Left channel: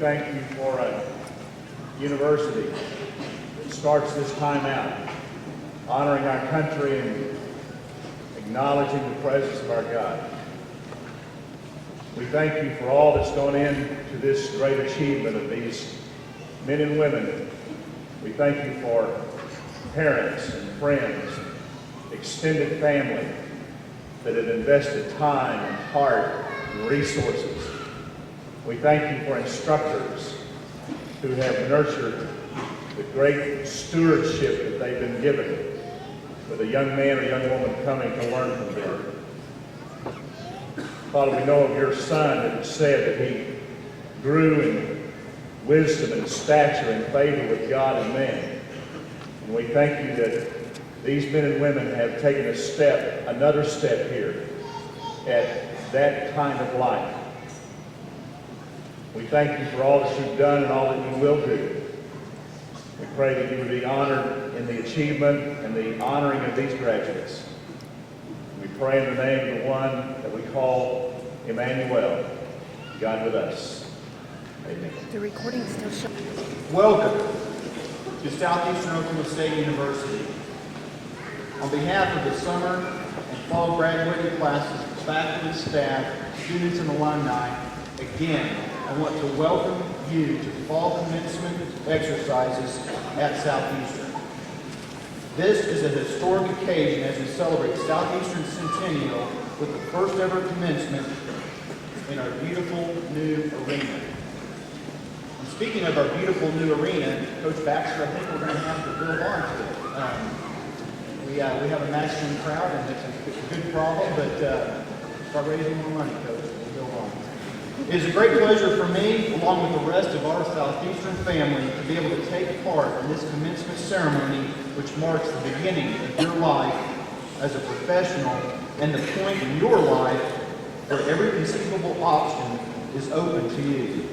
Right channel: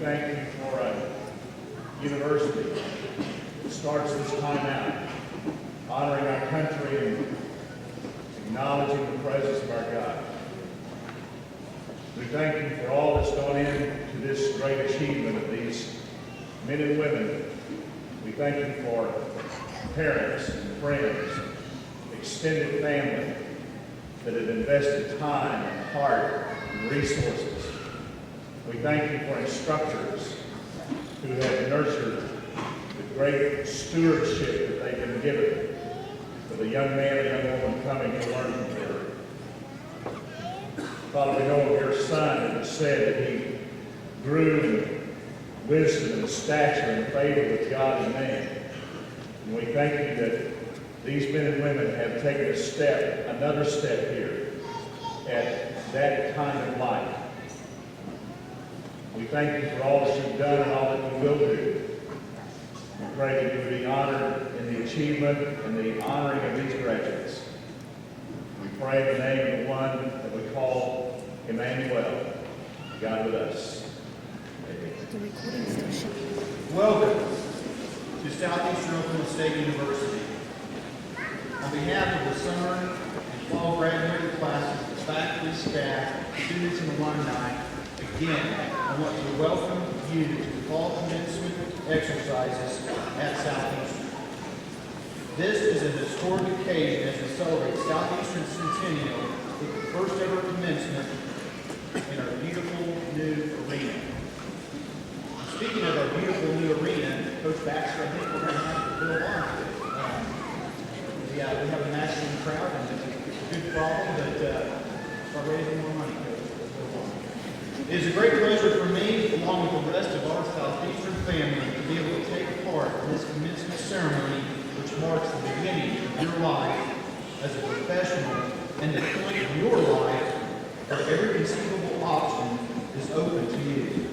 thank you for a university that starts this time out, honoring our country and acknowledging the presence of our God. We thank you for all that's gone into this great achievement of these men and women. We thank you for parents and friends, extended family that have invested time and heart and resources. We thank you for instructors who have nurtured the great stewardship that they've been given for the young man or young woman coming to learn from them. Father, we know of your son that said that he grew in wisdom and stature and favor with God and man. And we thank you that these men and women have taken a step, another step here at that kind of life. We thank you for all that you've done and all that you will do. We pray that you would be honored in the achievement and the honoring of these graduates. We pray in the name of the one that we call Emmanuel, God with us. Amen. The recording still shows. Welcome to Southeastern Oklahoma State University. On behalf of the summer and fall graduating classes, the faculty, staff, students, and alumni, again, I want to welcome you to the fall commencement exercises at Southeastern. This is a historic occasion as we celebrate Southeastern's centennial with the first ever commencement in our beautiful new arena. And speaking of our beautiful new arena, Coach Baxter, I think we're going to have to build on to it. We have a masculine crowd, and it's a good problem, but start raising more money, Coach. We'll build on. It is a great pleasure for me, along with the rest of our Southeastern family, to be able to take part in this commencement ceremony, which marks the beginning of your life as a professional and the point in your life where every conceivable option is open to you.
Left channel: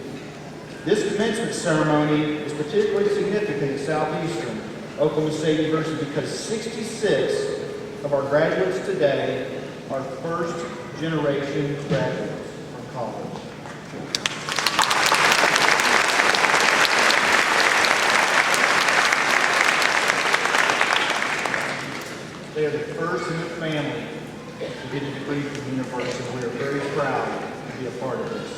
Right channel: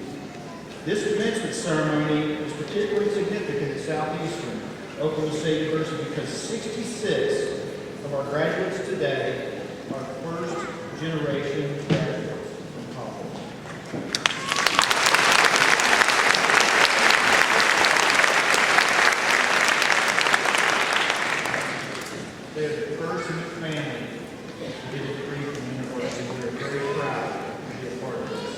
This commencement ceremony is particularly significant at Southeastern Oklahoma State University because 66 of our graduates today are first-generation graduates from college. They are the first in their family to get a degree from the university, and we are very proud to be a part of this.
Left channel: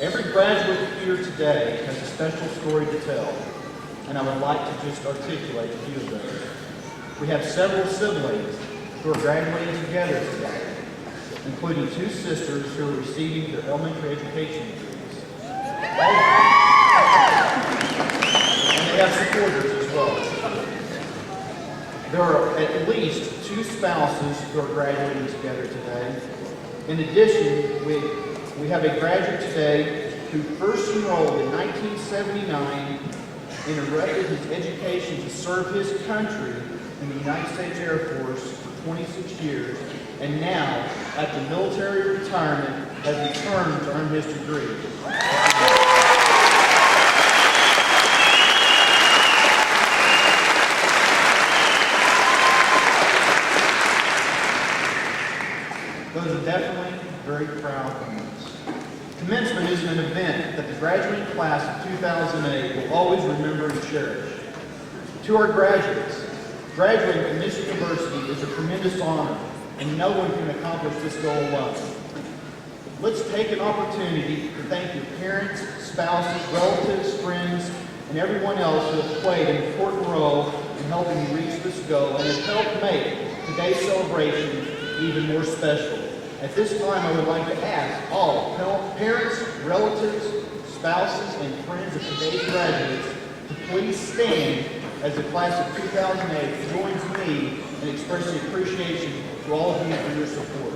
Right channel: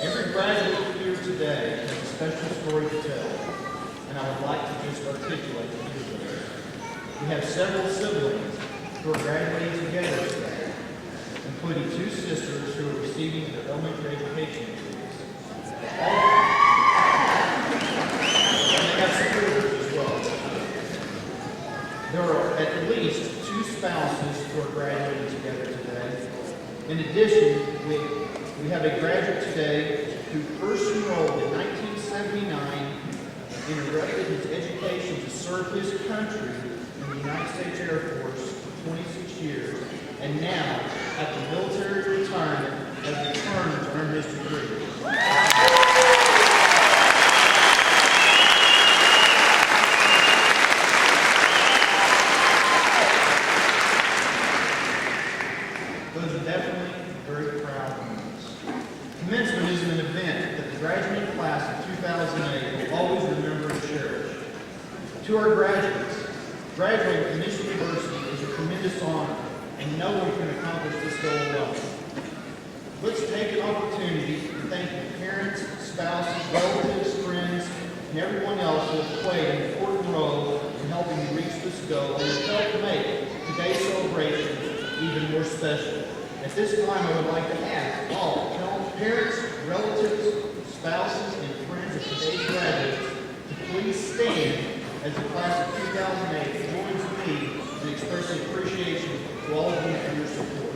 Every graduate here today has a special story to tell, and I would like to just articulate a few of those. We have several siblings who are graduating together today, including two sisters who are receiving their elementary education degrees. And they have supporters as well. There are at least two spouses who are graduating together today. In addition, we have a graduate today who first enrolled in 1979, interrupted his education to serve his country in the United States Air Force for 26 years, and now, after military retirement, has returned to earn his degree. Those are definitely very proud moments. Commencement is an event that the graduating class of 2008 will always remember and cherish. To our graduates, graduating from this university is a tremendous honor, and no one can accomplish this goal alone. Let's take an opportunity to thank your parents, spouses, relatives, friends, and everyone else who have played an important role in helping you reach this goal and have helped make today's celebration even more special. At this time, I would like to ask all parents, relatives, spouses, and friends of today's graduates to please stand as the class of 2008 joins me in expressing appreciation to all of you for your support.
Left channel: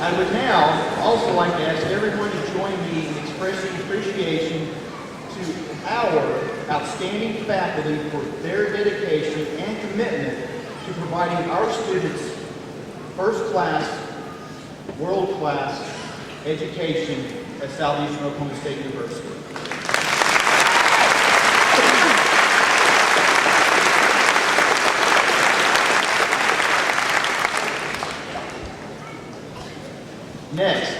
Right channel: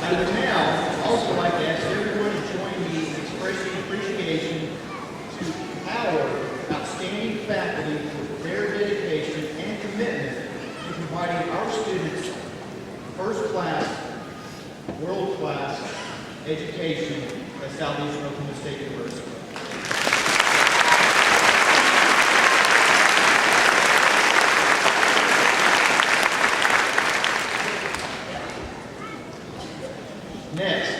I would now also like to ask everyone to join me in expressing appreciation to our outstanding faculty for their dedication and commitment to providing our students first-class, world-class education at Southeastern Oklahoma State University. Next,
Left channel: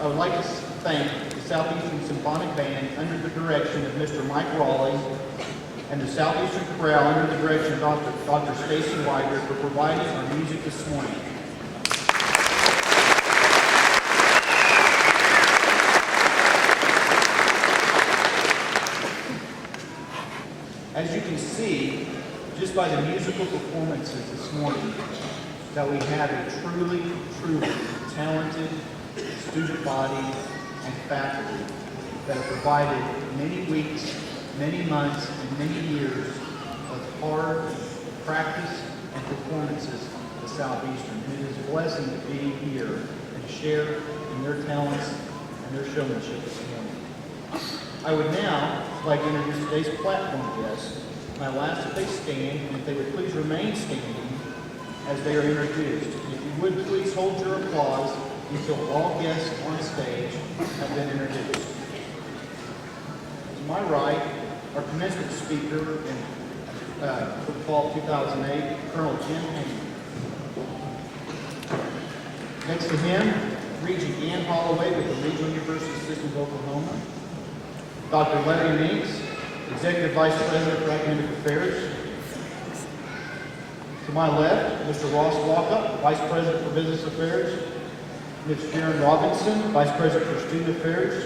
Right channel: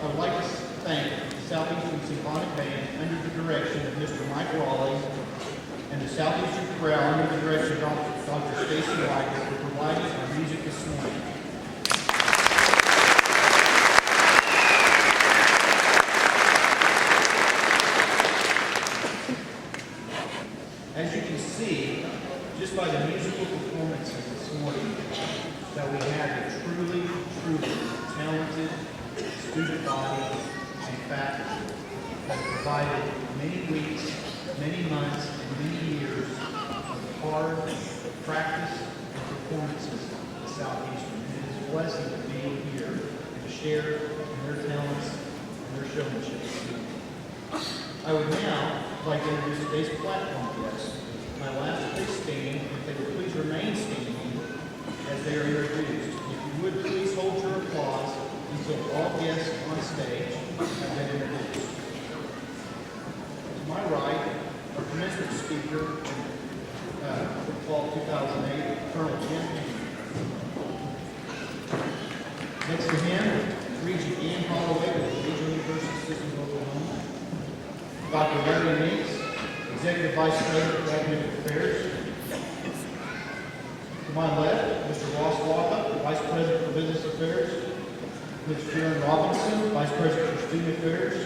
I would like to thank the Southeastern Symphonic Band under the direction of Mr. Mike Raleigh and the Southeastern Chorale under the direction of Dr. Stacy Wider for providing our music this morning. As you can see, just by the musical performances this morning, that we have a truly, truly talented student body and faculty that have provided many weeks, many months, and many years of hard practice and performances at Southeastern. And it is a blessing to be here and to share in their talents and their showmanship this morning. I would now like to introduce today's platform guests. I will ask that they stand, and if they would please remain standing as they are introduced. If you would please hold your applause until all guests on stage have been introduced. To my right, our commencement speaker for fall 2008, Colonel Jim Hanny. Next to him, Regent Ann Holloway with the Regional University System of Oklahoma. Dr. Larry Meeks, Executive Vice President for Academic Affairs. To my left, Mr. Ross Walkup, Vice President for Business Affairs. Ms. Sharon Robinson, Vice President for Student Affairs.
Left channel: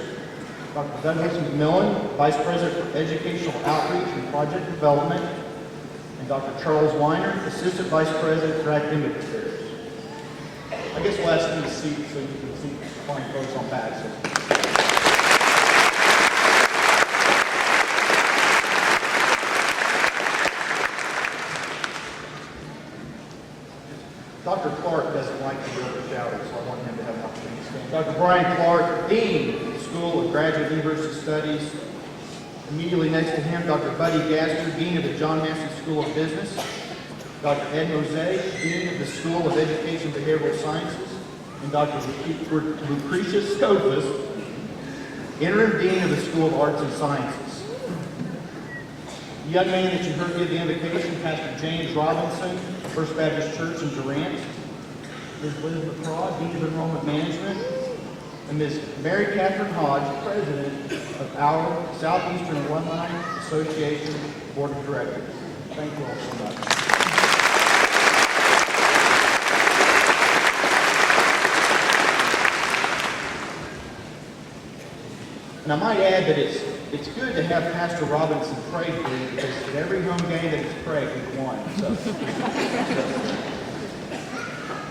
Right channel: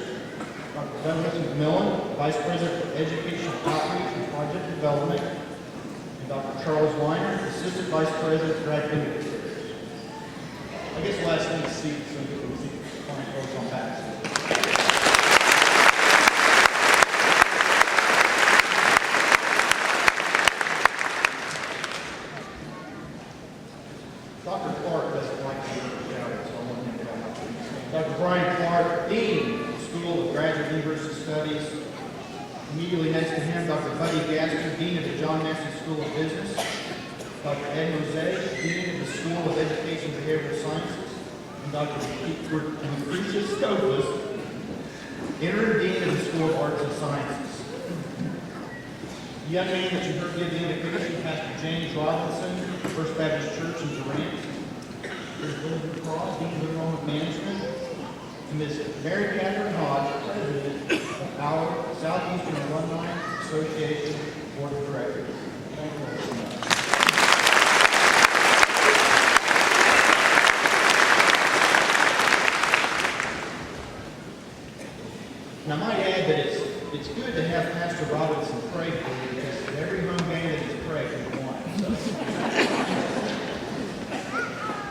Dr. Douglas McMillan, Vice President for Educational Outreach and Project Development. And Dr. Charles Weiner, Assistant Vice President for Academic Affairs. I guess we'll ask these seats so you can see fine folks on back. So. Dr. Clark doesn't like to be shouted, so I want him to have an opportunity to stand. Dr. Brian Clark, Dean of the School of Graduate University Studies. Immediately next to him, Dr. Buddy Gaster, Dean of the John Massey School of Business. Dr. Ed Mosaic, Dean of the School of Education and Behavioral Sciences. And Dr. Lucretia Scopus, Interim Dean of the School of Arts and Sciences. The young man that you heard give the invocation, Pastor James Robinson, First Baptist Church in Durant. Ms. Liz McCraw, Dean of Enrollment Management. And Ms. Mary Catherine Hodge, President of our Southeastern Alumni Association Board of Directors. Thank you all so much. And I might add that it's good to have Pastor Robinson pray for you, because at every home game that he's prayed, he's won. So.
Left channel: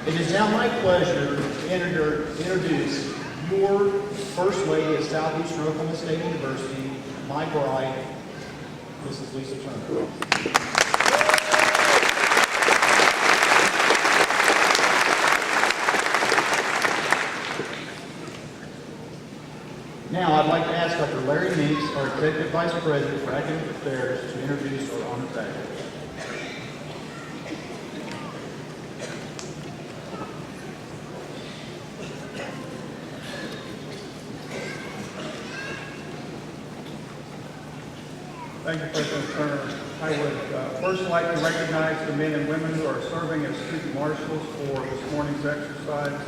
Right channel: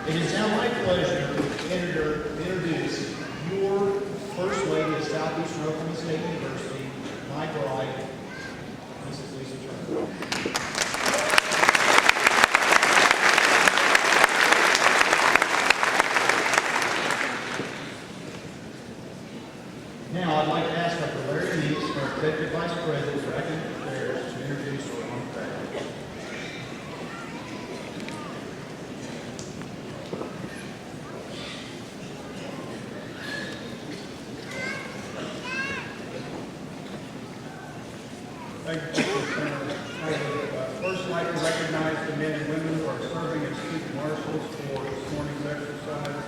It is now my pleasure to introduce your First Lady of Southeastern Oklahoma State University, my bride, Mrs. Lisa Turner. Now, I'd like to ask Dr. Larry Meeks, our Executive Vice President for Academic Affairs, to introduce our honored faculty. Thank you, President Turner. I would first like to recognize the men and women who are serving as student marshals for this morning's exercise.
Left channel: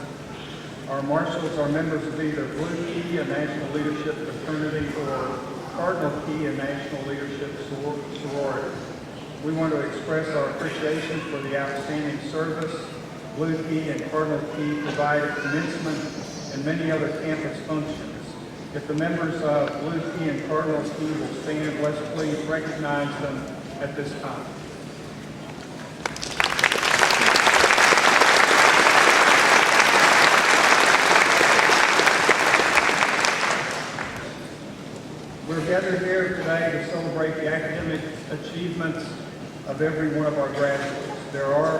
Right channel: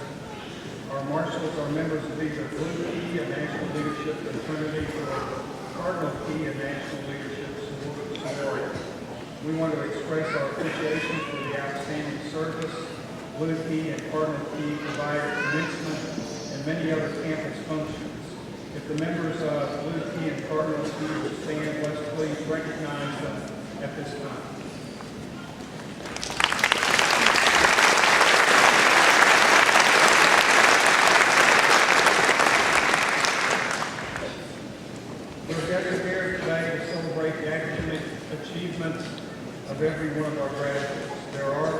Our marshals are members of either Blue Key, a national leadership fraternity, or Cardinal Key, a national leadership sorority. We want to express our appreciation for the outstanding service Blue Key and Cardinal Key provide at commencement and many other campus functions. If the members of Blue Key and Cardinal Key will stand, let's please recognize them at this time. We're gathered here today to celebrate the academic achievements of every one of our graduates. There are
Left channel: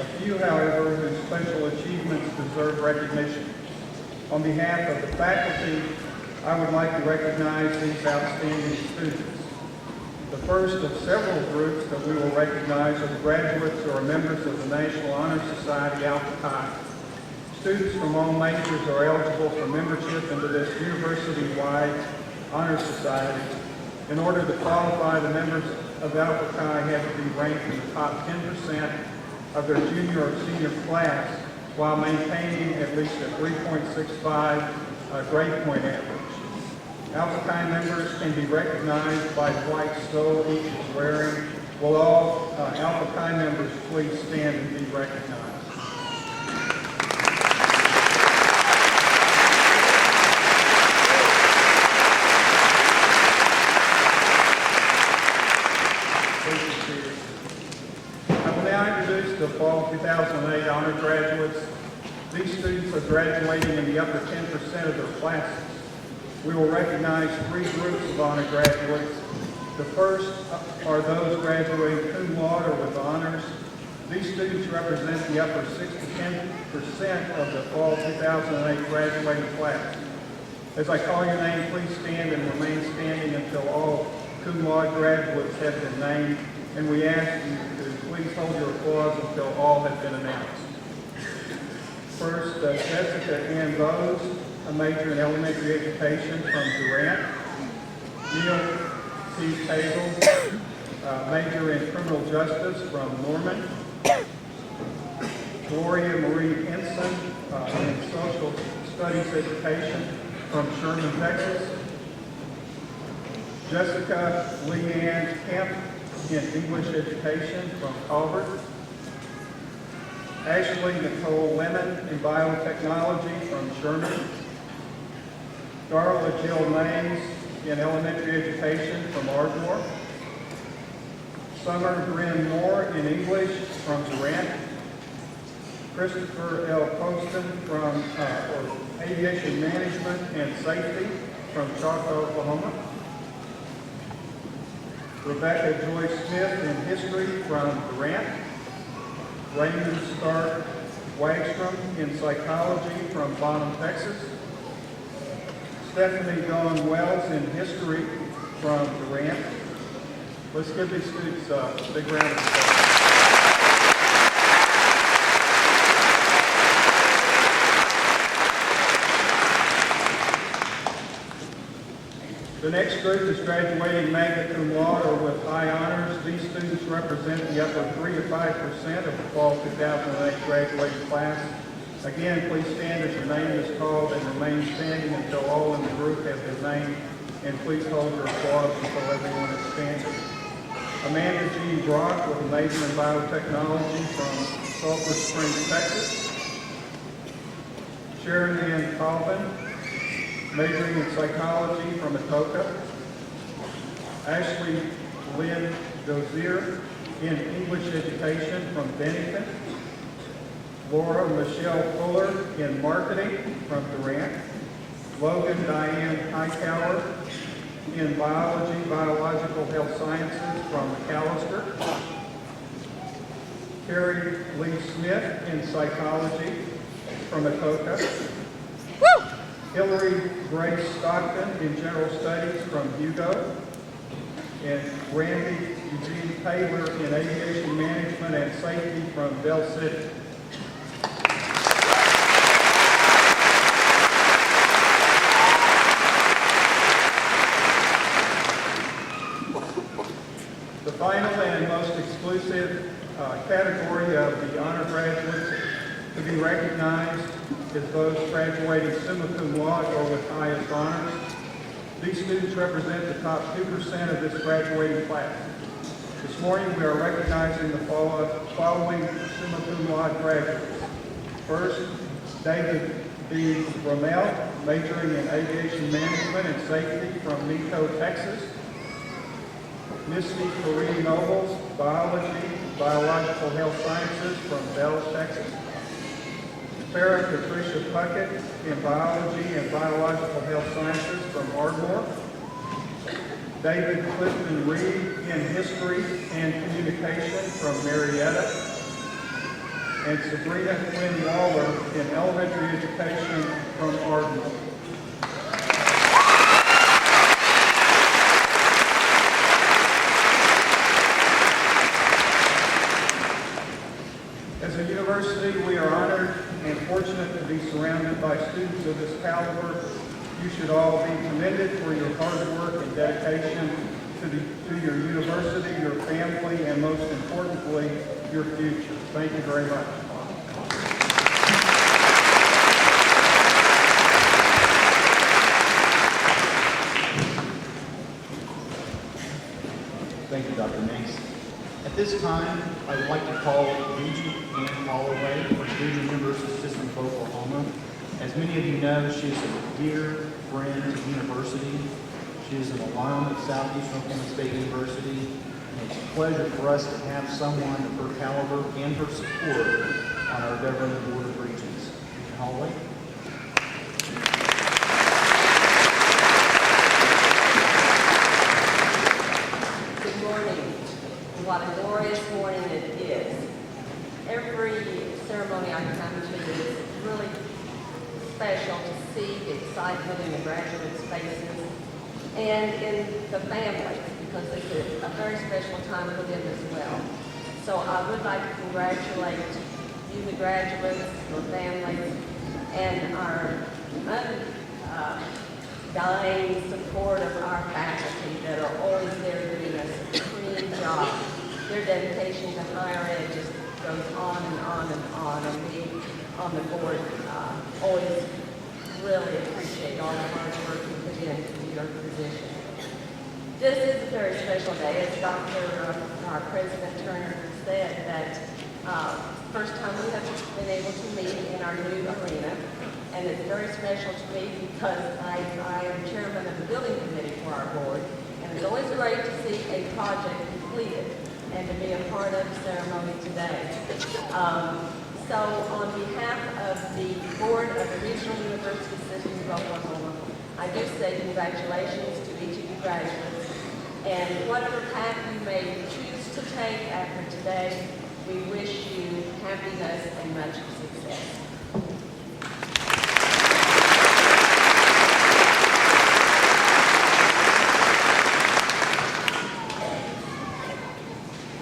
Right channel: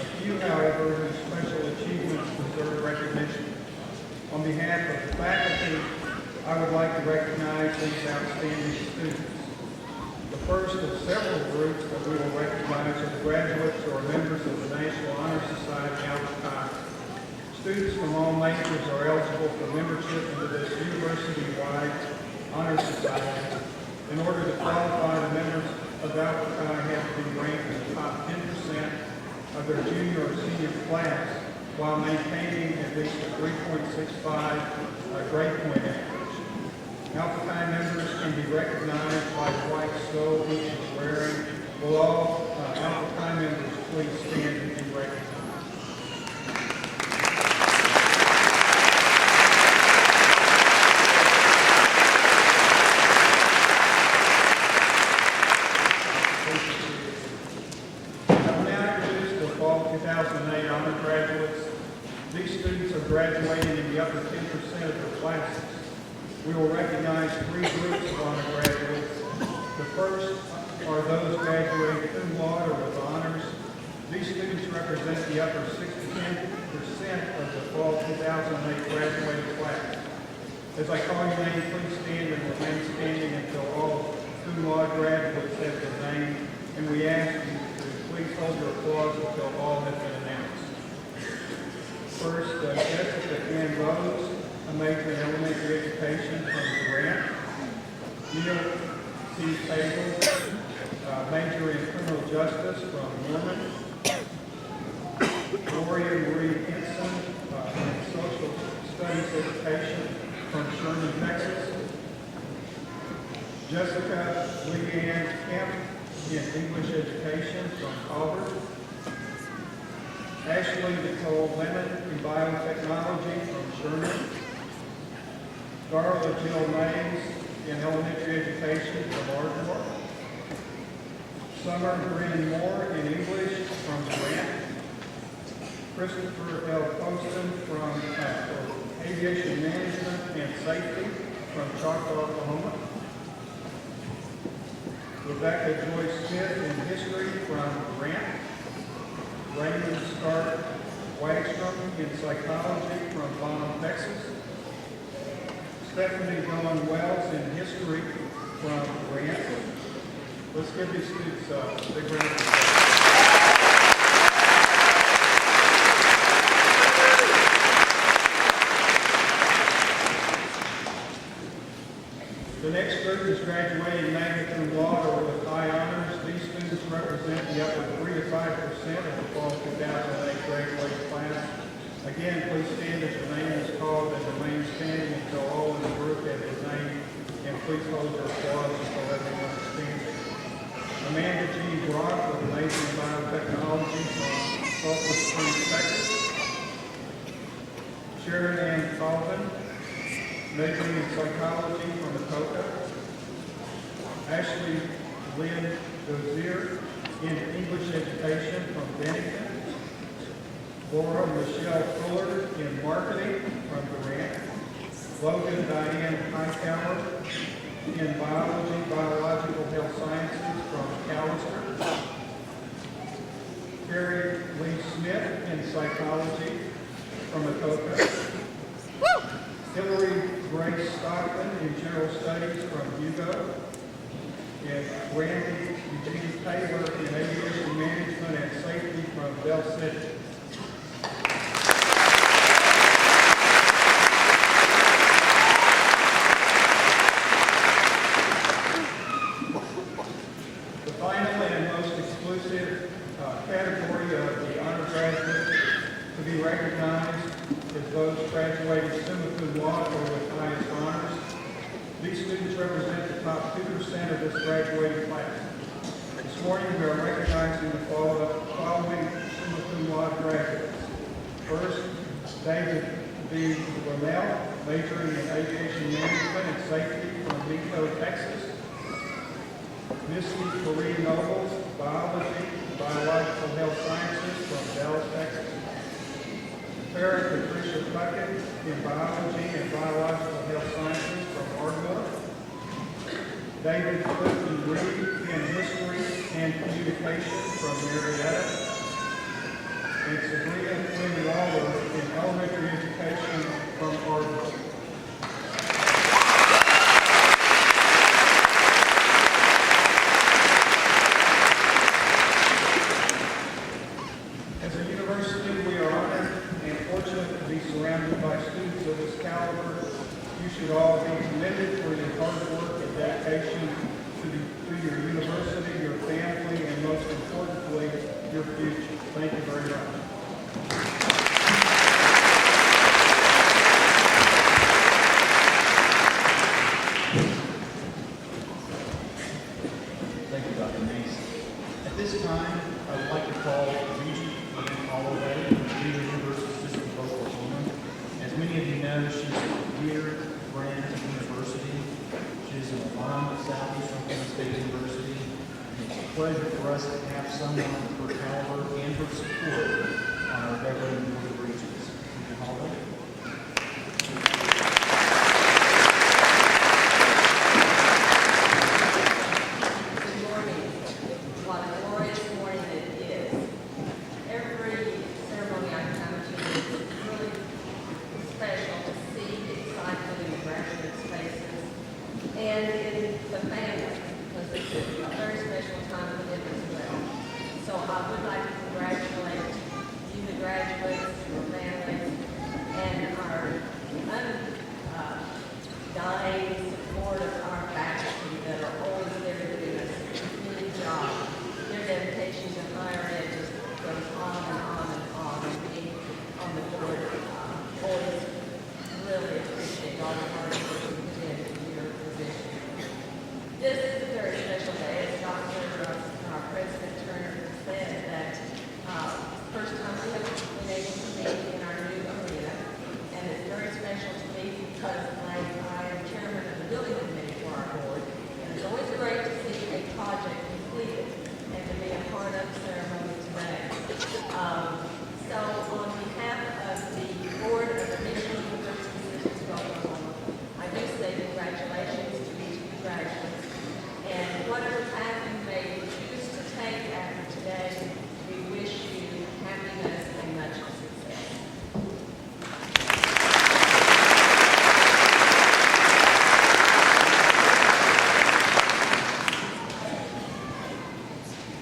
a few, however, whose special achievements deserve recognition. On behalf of the faculty, I would like to recognize these outstanding students. The first of several groups that we will recognize are the graduates who are members of the National Honor Society, Alpha Chi. Students from all majors are eligible for membership into this university-wide honor society. In order to qualify, the members of Alpha Chi have to be ranked in the top 10% of their junior or senior class while maintaining at least a 3.65 grade point average. Alpha Chi members can be recognized by the white stole each is wearing. Will all Alpha Chi members please stand and be recognized? I will now introduce the Fall 2008 honor graduates. These students are graduating in the upper 10% of their classes. We will recognize three groups of honor graduates. The first are those graduating cum laude or with honors. These students represent the upper 6 to 10% of the Fall 2008 graduating class. As I call your name, please stand and remain standing until all cum laude graduates have been named, and we ask you to please hold your applause until all have been announced. First, Jessica Ann Bowes, a major in elementary education from Durant. Neil T. Table, major in criminal justice from Norman. Gloria Marie Henson, in social studies education from Sherman, Texas. Jessica Leanne Kemp in English education from Colbert. Ashley Nicole Lemon in biotechnology from Sherman. Darla Jill Mays in elementary education from Ardmore. Summer Bryn Moore in English from Durant. Christopher L. Poston from aviation management and safety from Choctaw, Oklahoma. Rebecca Joy Smith in history from Durant. Raymond Stark Wagstrom in psychology from Bonham, Texas. Stephanie Dawn Wells in history from Durant. Let's give these students a big round of applause. The next group is graduating magna cum laude or with high honors. These students represent the upper 3 to 5% of the Fall 2008 graduating class. Again, please stand as your name is called and remain standing until all in the group have been named. And please hold your applause until everyone is standing. Amanda G. Brock with a major in biotechnology from Sulphur Springs, Texas. Sharon Ann Colvin, majoring in psychology from Atoka. Ashley Lynn Dozier in English education from Bennington. Laura Michelle Fuller in marketing from Durant. Logan Diane Hightower in biology, biological health sciences from McAllister. Carrie Lee Smith in psychology from Atoka. Hillary Grace Stockton in general studies from Hugo. And Randy Eugene Taylor in aviation management and safety from Bell City. The final and most exclusive category of the honor graduates to be recognized is those graduating summa cum laude or with highest honors. These students represent the top 2% of this graduating class. This morning we are recognizing the following summa cum laude graduates. First, David B. Rommel, majoring in aviation management and safety from Nico, Texas. Misty Corrine Nobles, biology, biological health sciences from Dallas, Texas. Farrah Patricia Puckett in biology and biological health sciences from Ardmore. David Clifton Reed in history and communication from Marietta. And Sabrina Quinn Waller in elementary education from Ardmore. However, you should all be commended for your hard work and dedication to your university, your family, and most importantly, your future. Thank you very much. Thank you, Dr. Meeks. At this time, I would like to call Regent Ann Holloway from the Regional University System of Oklahoma. As many of you know, she's a dear friend of the university. She is an alum of Southeastern Oklahoma State University. And it's a pleasure for us to have someone of her caliber and her support on our governing board of regents. Regent Holloway. Good morning. What a glorious morning it is. Every ceremony I come to is really special to see the excitement in the graduates' faces and in the families, because it's a very special time for them as well. So I would like to congratulate you, the graduates, your families, and our undying support of our faculty that are always there doing a supreme job. Their dedication to higher ed just goes on and on and on, and we on the board always really appreciate all the hard work you put into your position. This is a very special day. As our President Turner said, that first time we have been able to meet in our new arena, and it's very special to me because I am chairman of the building committee for our board, and it's always great to see a project completed and to be a part of the ceremony today. So on behalf of the board of the Regional University Systems of Oklahoma, I do say congratulations to each of you graduates. And whatever path you may choose to take after today, we wish you happiness and much success.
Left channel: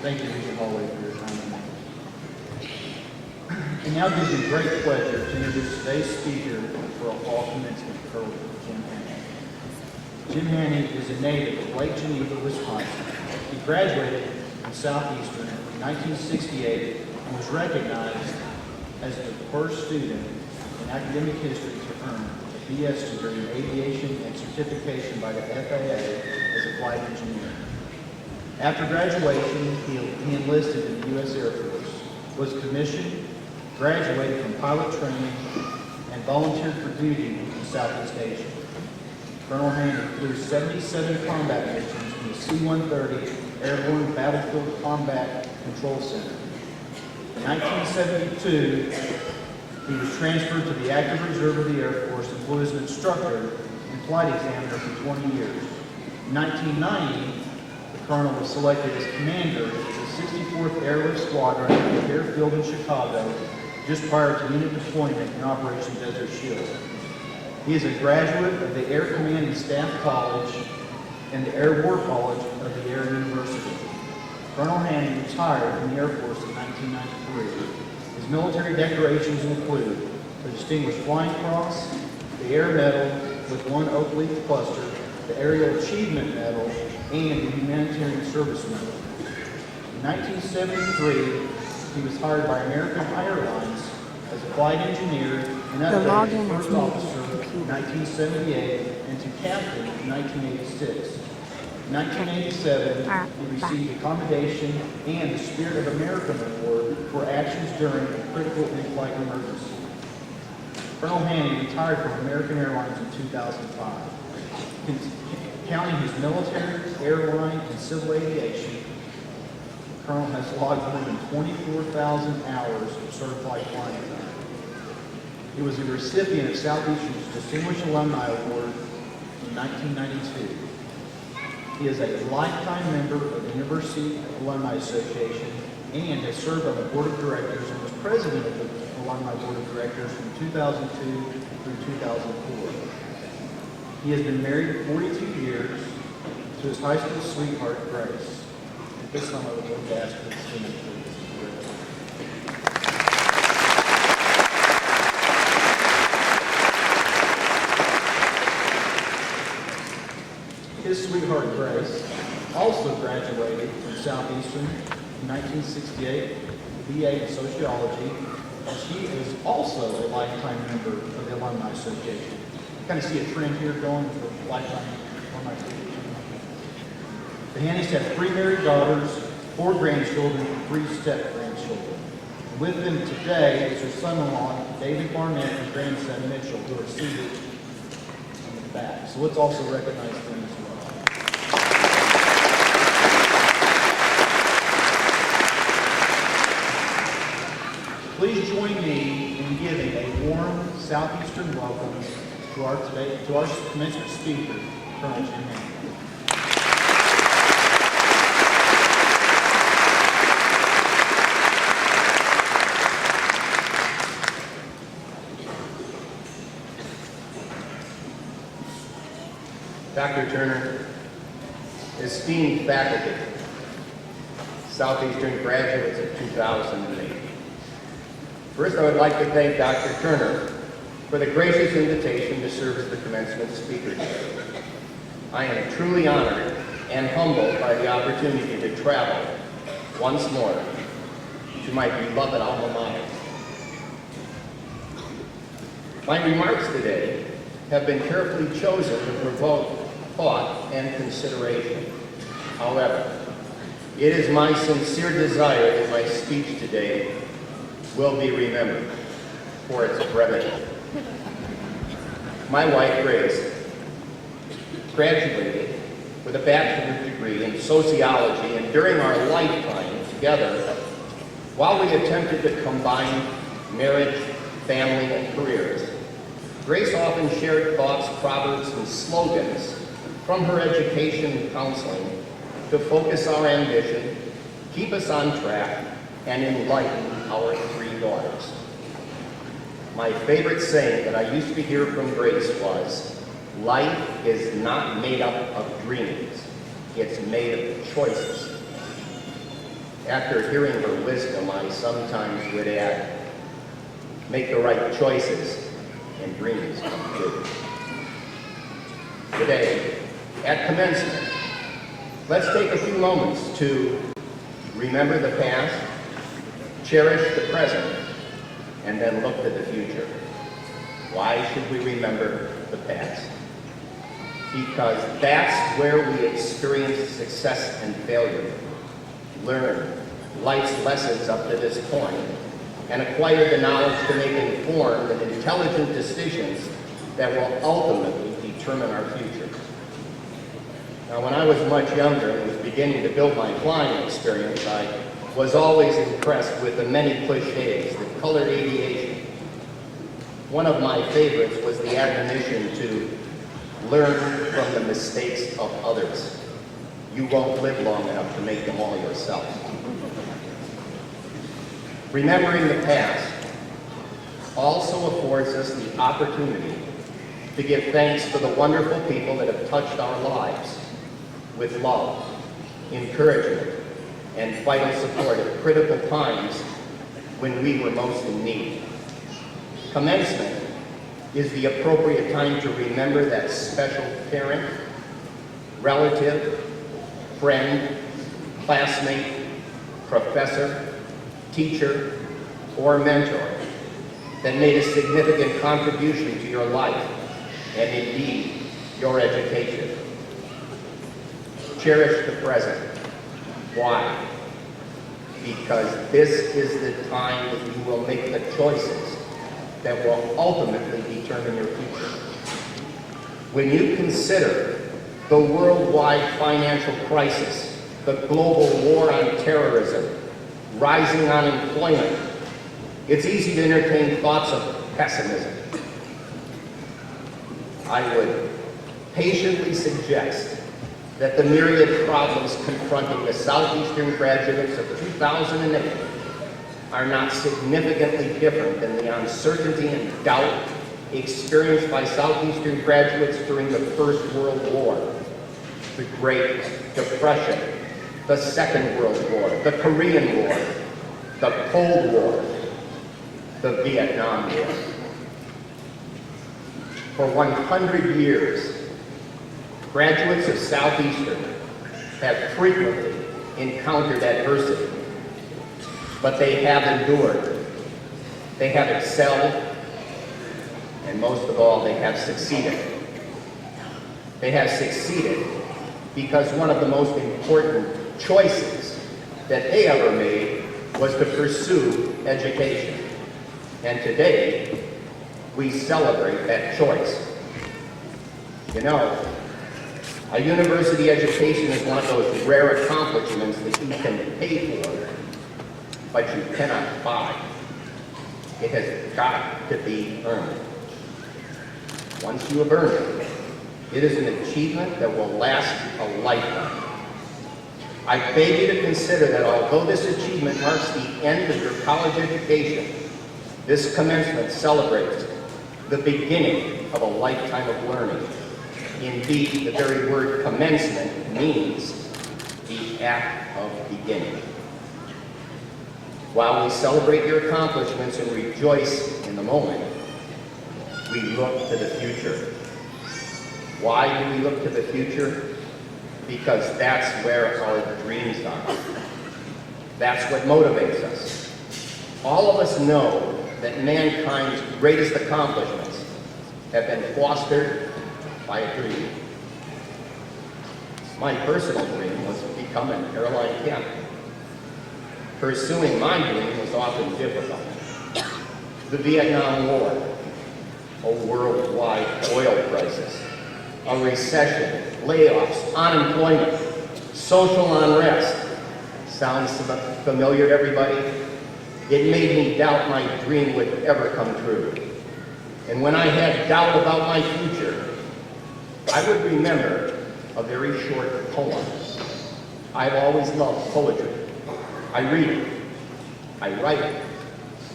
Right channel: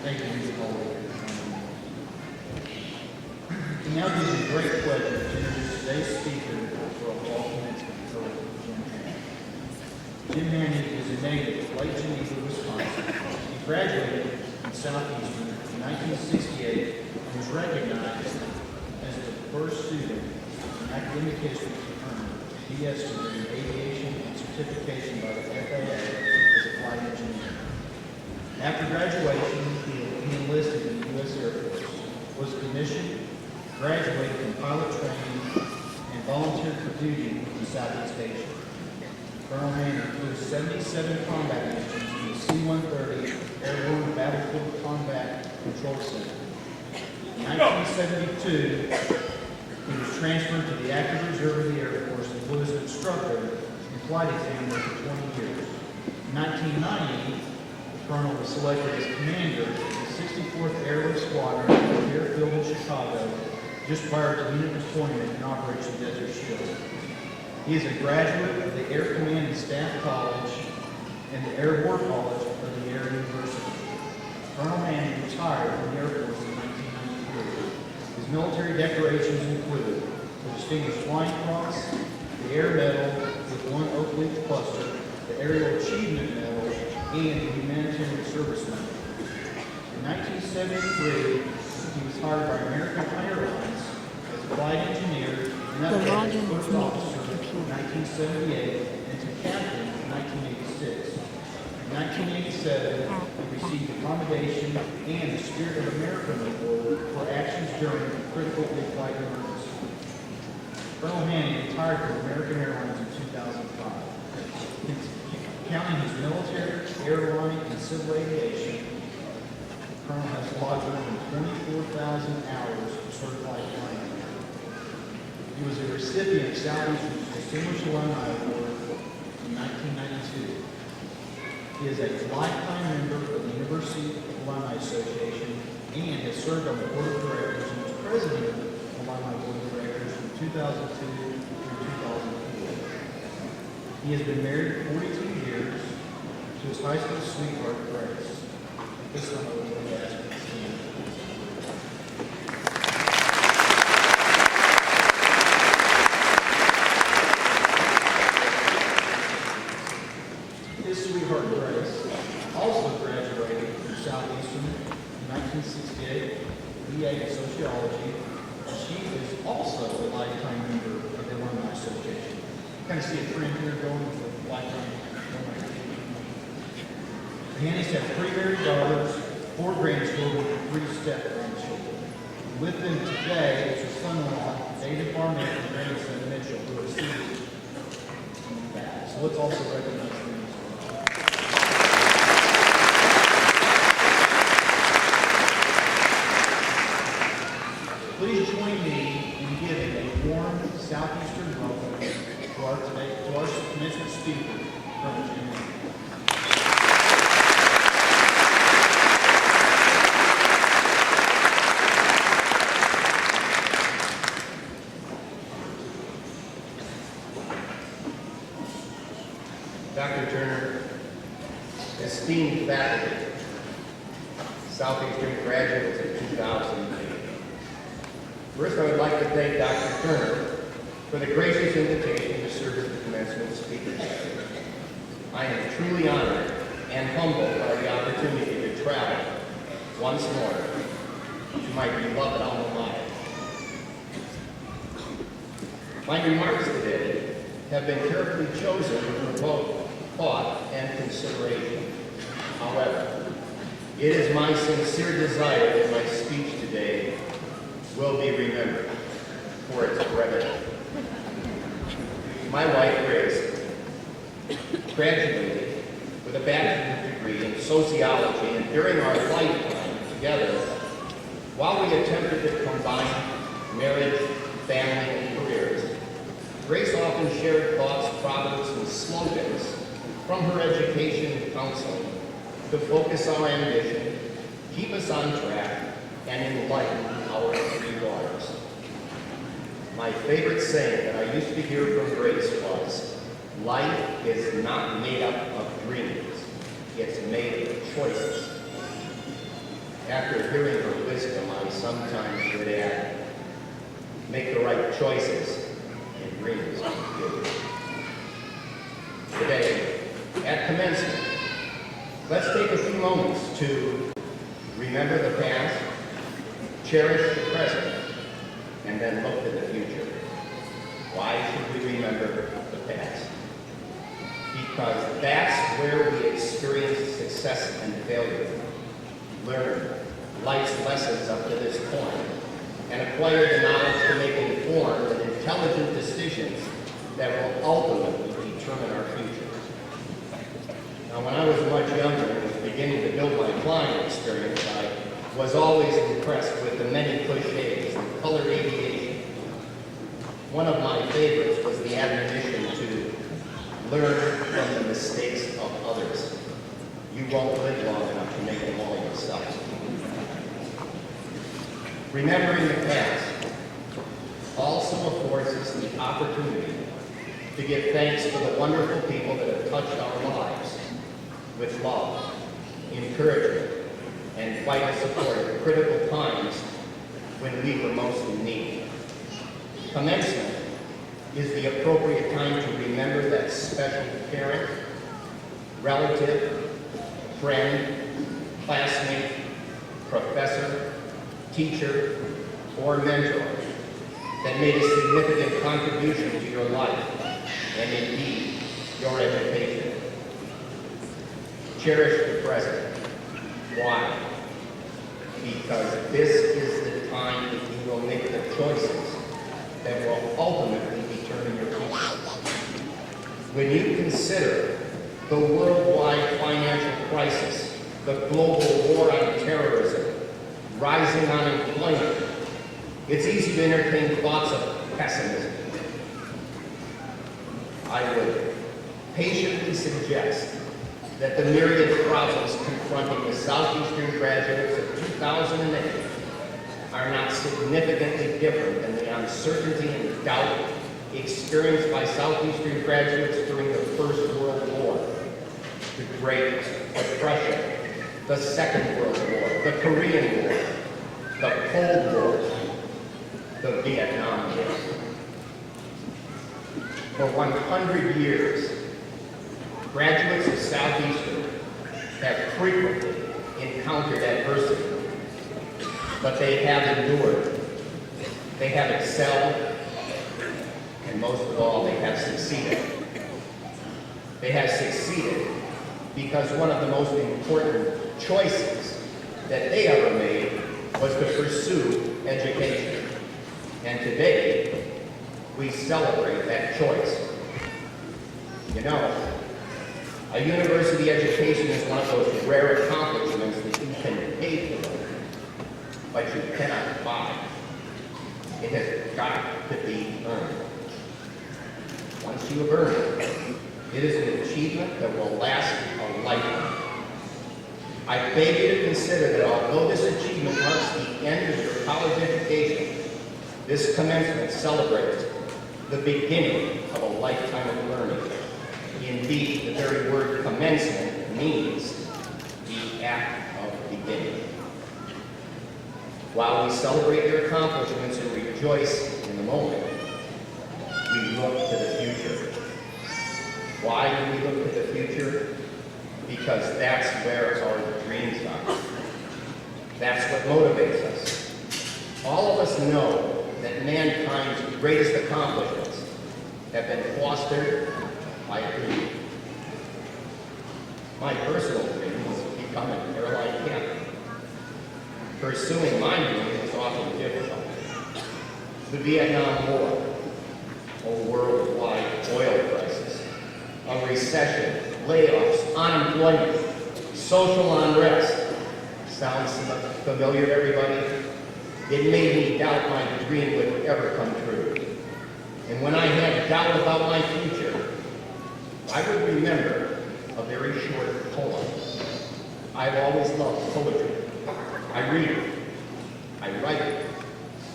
Thank you, Regent Holloway, for your comment. It now gives me great pleasure to introduce today's speaker for a fall commencement, Colonel Jim Hanny. Jim Hanny is a native of Lake Geneva, Wisconsin. He graduated from Southeastern in 1968 and was recognized as the first student in academic history to earn a BS degree in aviation and certification by the FAA as a flight engineer. After graduation, he enlisted in the U.S. Air Force, was commissioned, graduated from pilot training, and volunteered for duty in Southeast Asia. Colonel Hanny flew 77 combat missions in the C-130 Airborne Battlefield Combat Control Center. In 1972, he was transferred to the active reserve of the Air Force and flew as an instructor and flight examiner for 20 years. In 1990, the colonel was selected as commander of the 64th Airlift Squadron at the airfield in Chicago just prior to unit deployment in Operation Desert Shield. He is a graduate of the Air Command and Staff College and the Air War College of the Air University. Colonel Hanny retired from the Air Force in 1993. His military decorations include the Distinguished Flying Cross, the Air Medal with 1 oak leaf cluster, the Aerial Achievement Medal, and the Humanitarian Service Medal. In 1973, he was hired by American Airlines as a flight engineer and upgraded to first officer in 1978 and to captain in 1986. In 1987, he received the Commendation and the Spirit of America Award for actions during a critical in-flight emergency. Colonel Hanny retired from American Airlines in 2005. Counting his military, airline, and civil aviation, the Colonel has logged more than 24,000 hours of certified flying time. He was a recipient of Southeastern's Distinguished Alumni Award in 1992. He is a lifetime member of the University Alumni Association and has served on the Board of Directors and was president of the Alumni Board of Directors from 2002 through 2004. He has been married 42 years to his high school sweetheart, Grace. At this time, I would like to ask you to stand, please. His sweetheart, Grace, also graduated from Southeastern in 1968, BA in sociology, and she is also a lifetime member of the Alumni Association. Kind of see a trend here going with the lifetime Alumni Association. The Hannys have 3 married daughters, 4 grandchildren, and 3 step-grandchildren. With them today is her son-in-law, David Barnett, and grandson, Mitchell, who are seated in the back. So let's also recognize them as well. Please join me in giving a warm Southeastern welcome to our commencement speaker, Colonel Jim Hanny. Dr. Turner, esteemed faculty, Southeastern graduates of 2008. First, I would like to thank Dr. Turner for the gracious invitation to serve as the commencement speaker today. I am truly honored and humbled by the opportunity to travel once more to my beloved alma mater. My remarks today have been carefully chosen to provoke thought and consideration. However, it is my sincere desire that my speech today will be remembered for its brevity. My wife, Grace, graduated with a bachelor's degree in sociology, and during our lifetime together, while we attempted to combine marriage, family, and careers, Grace often shared thoughts, proverbs, and slogans from her education and counseling to focus our ambition, keep us on track, and enlighten our 3 daughters. My favorite saying that I used to hear from Grace was, life is not made up of dreams, it's made of choices. After hearing her wisdom, I sometimes would add, make the right choices and dreams come true. Today, at commencement, let's take a few moments to remember the past, cherish the present, and then look to the future. Why should we remember the past? Because that's where we experience success and failure, learn life's lessons up to this point, and acquire the knowledge to make informed and intelligent decisions that will ultimately determine our future. Now, when I was much younger and was beginning to build my flying experience, I was always impressed with the many cliches that colored aviation. One of my favorites was the admonition to learn from the mistakes of others. You won't live long enough to make them all yourself. Remembering the past also affords us the opportunity to give thanks for the wonderful people that have touched our lives with love, encouragement, and vital support at critical times when we were most in need. Commencement is the appropriate time to remember that special parent, relative, friend, classmate, professor, teacher, or mentor that made a significant contribution to your life and indeed your education. Cherish the present. Why? Because this is the time that you will make the choices that will ultimately determine your future. When you consider the worldwide financial crisis, the global war on terrorism, rising unemployment, it's easy to entertain thoughts of pessimism. I would patiently suggest that the myriad problems confronting the Southeastern graduates of 2008 are not significantly different than the uncertainty and doubt experienced by Southeastern graduates during the First World War, the Great Depression, the Second World War, the Korean War, the Cold War, the Vietnam War. For 100 years, Graduates of Southeastern have frequently encountered adversity, but they have endured, they have excelled, and most of all, they have succeeded. They have succeeded because one of the most important choices that they ever made was to pursue education. And today, we celebrate that choice. You know, a university education is one of those rare accomplishments that you can pay for, but you cannot buy. It has got to be earned. Once you have earned it, it is an achievement that will last a lifetime. I beg you to consider that although this achievement marks the end of your college education, this commencement celebrates the beginning of a lifetime of learning. Indeed, the very word commencement means the act of beginning. While we celebrate your accomplishments and rejoice in the moment, we look to the future. Why do we look to the future? Because that's where our dreams are. That's what motivates us. All of us know that mankind's greatest accomplishments have been fostered by a dream. My personal dream was to become an airline captain. Pursuing my dream was often difficult. The Vietnam War, a worldwide oil crisis, a recession, layoffs, unemployment, social unrest. Sounds familiar to everybody? It made me doubt my dream would ever come true. And when I had doubt about my future, I would remember a very short poem. I've always loved poetry. I read it, I write it,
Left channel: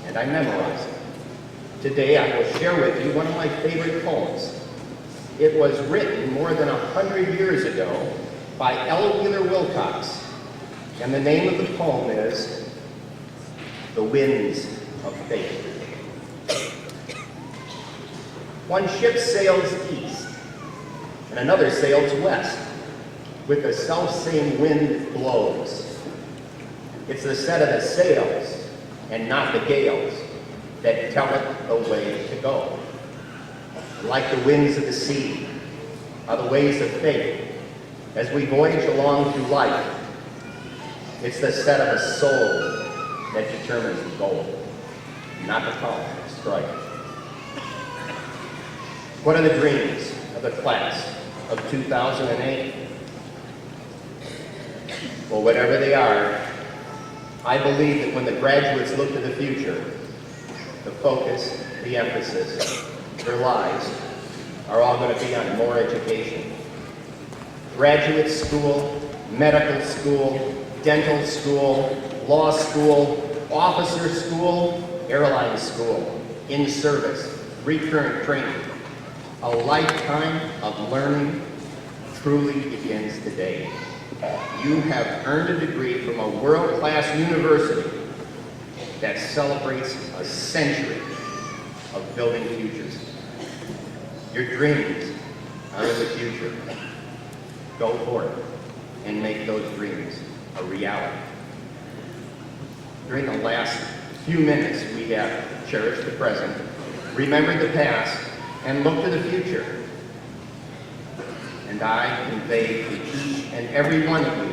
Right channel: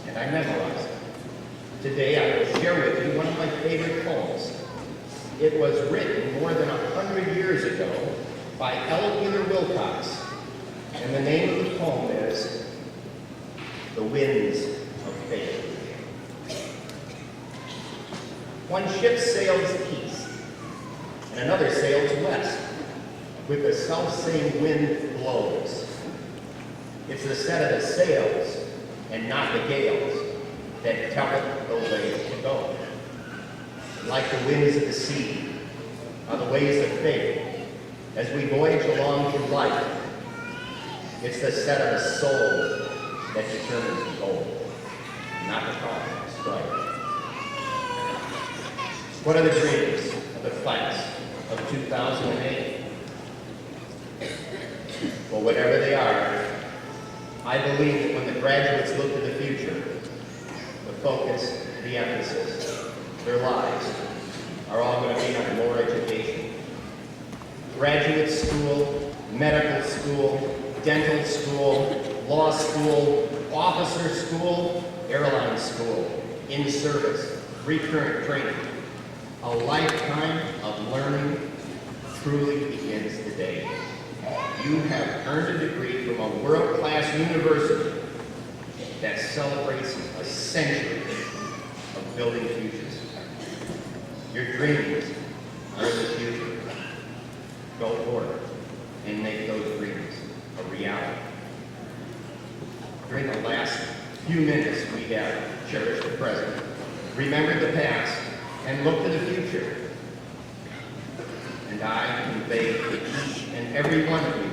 and I memorize it. Today I will share with you one of my favorite poems. It was written more than 100 years ago by Ella Wheeler Wilcox, and the name of the poem is The Winds of Fate. One ship sails east, and another sails west, with the self-same wind blows. It's the set of the sails, and not the gales, that tell it the way to go. Like the winds of the sea are the ways of fate as we voyage along through life. It's the set of the soul that determines the goal, not the calm strike. What are the dreams of the class of 2008? Well, whatever they are, I believe that when the graduates look to the future, the focus, the emphasis, their lives are all going to be on more education. Graduate school, medical school, dental school, law school, officer school, airline school, in service, recurrent training. A lifetime of learning truly begins today. You have earned a degree from a world-class university that celebrates a century of building futures. Your dreams are in the future. Go for it and make those dreams a reality. During the last few minutes, we have cherished the present, remembered the past, and looked to the future. And I convey to each and every one of you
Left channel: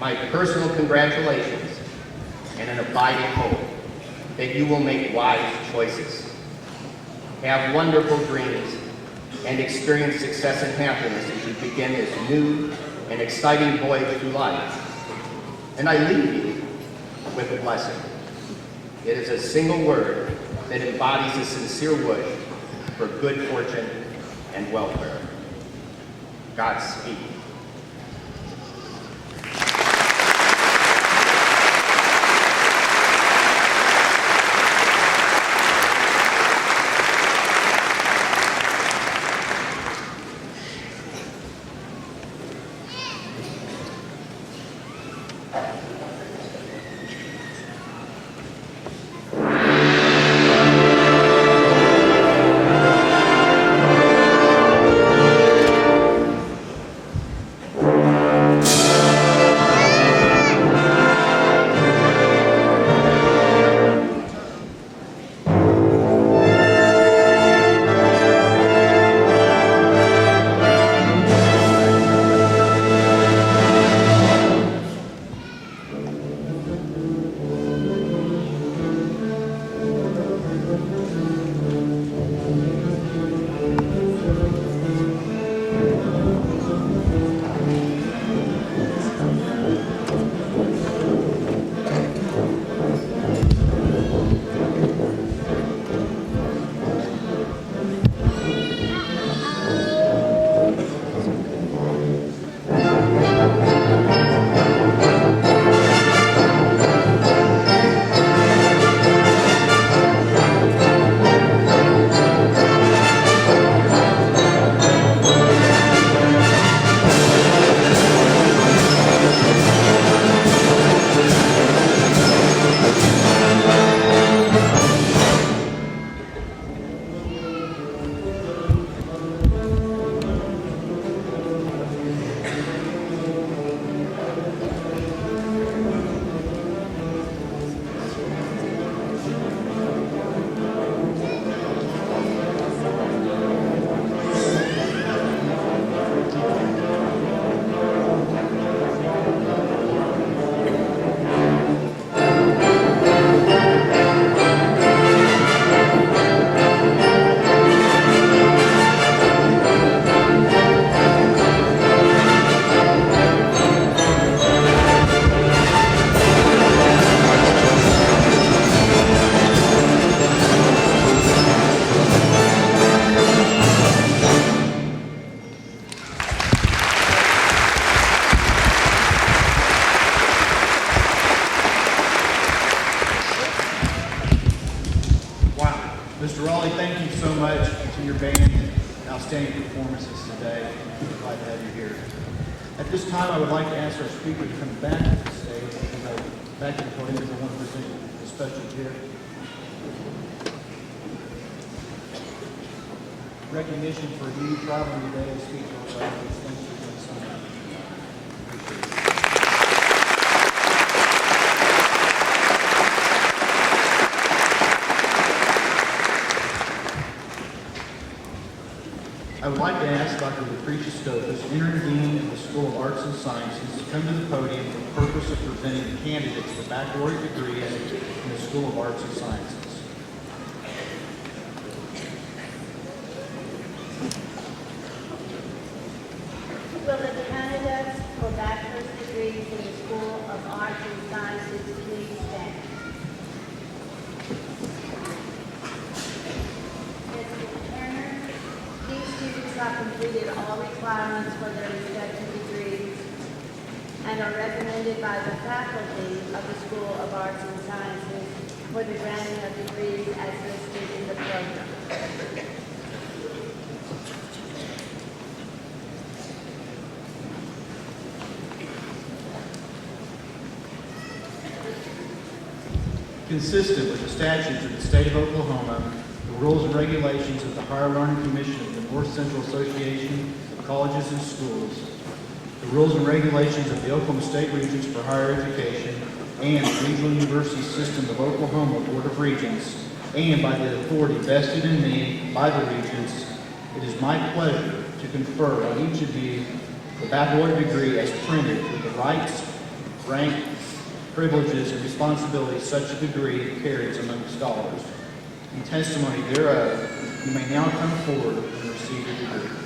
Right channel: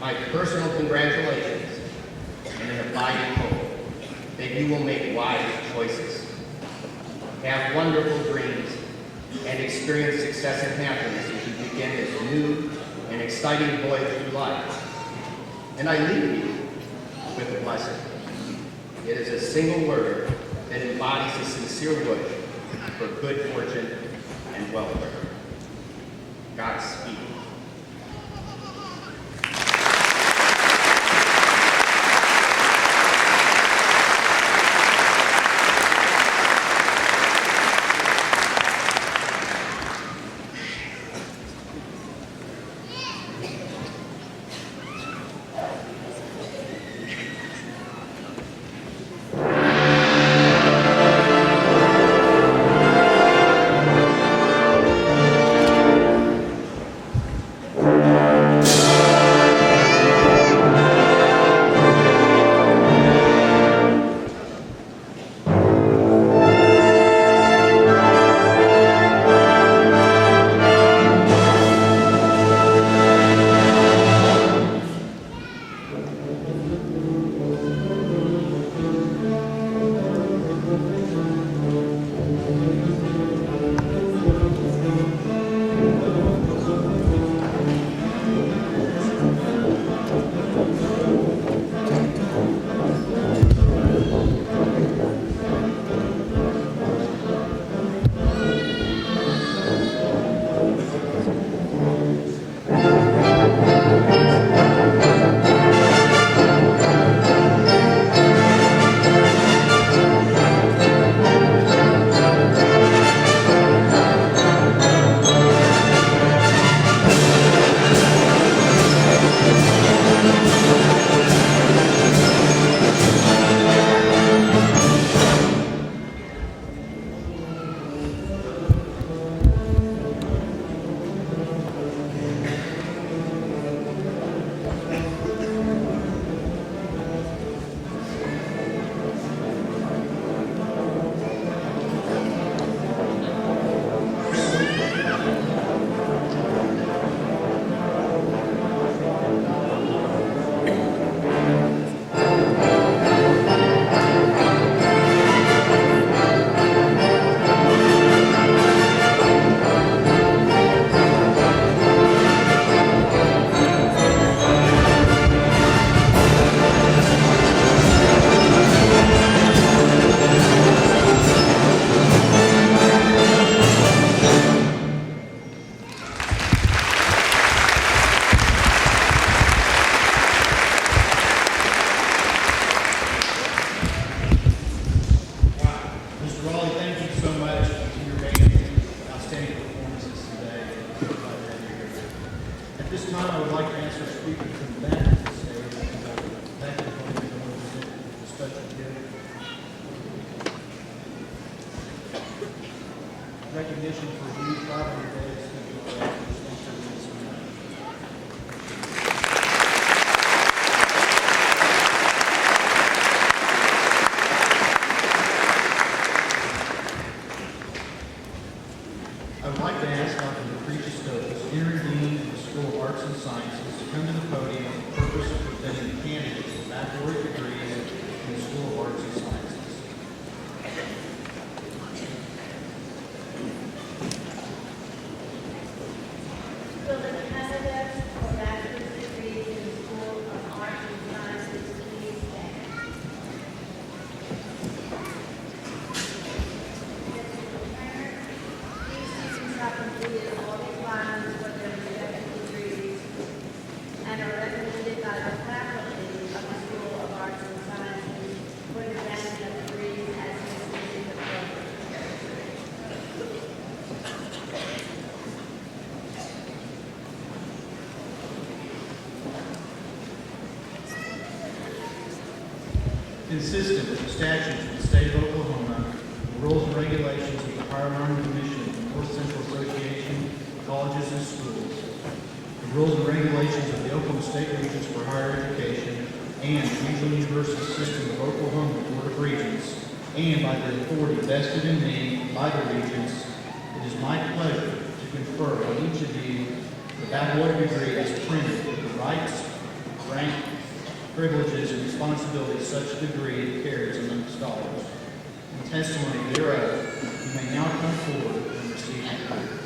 my personal congratulations and an abiding hope that you will make wise choices, have wonderful dreams, and experience success and happiness as you begin this new and exciting voyage through life. And I leave you with a blessing. It is a single word that embodies a sincere wish for good fortune and welfare. Godspeed. today. I'm glad to have you here. At this time, I would like to ask our speaker to come back to the stage, back to the podium, because I want to present a special gift. Recognition for you traveling today to speak to our audience. Thanks for doing so much. Appreciate it. I would like to ask Dr. Lucretia Stokes, interim dean of the School of Arts and Sciences, to come to the podium for the purpose of presenting the candidates for baccalaureate degrees in the School of Arts and Sciences. Will the candidates for bachelor's degrees in the School of Arts and Sciences please stand? Mr. Turner, these students have completed all requirements for their respective degrees and are recommended by the faculty of the School of Arts and Sciences for the granting of degrees as listed in the program. Consistent with the statutes of the state of Oklahoma, the rules and regulations of the Higher Learning Commission of the North Central Association of Colleges and Schools, the rules and regulations of the Oklahoma State Regents for Higher Education, and the Regional University System of Oklahoma Board of Regents, and by the authority vested in me by the Regents, it is my pleasure to confer on each of you the baccalaureate degree as printed with the rights, rank, privileges, and responsibilities such a degree carries among scholars. In testimony thereof, you may now come forward and receive your degree.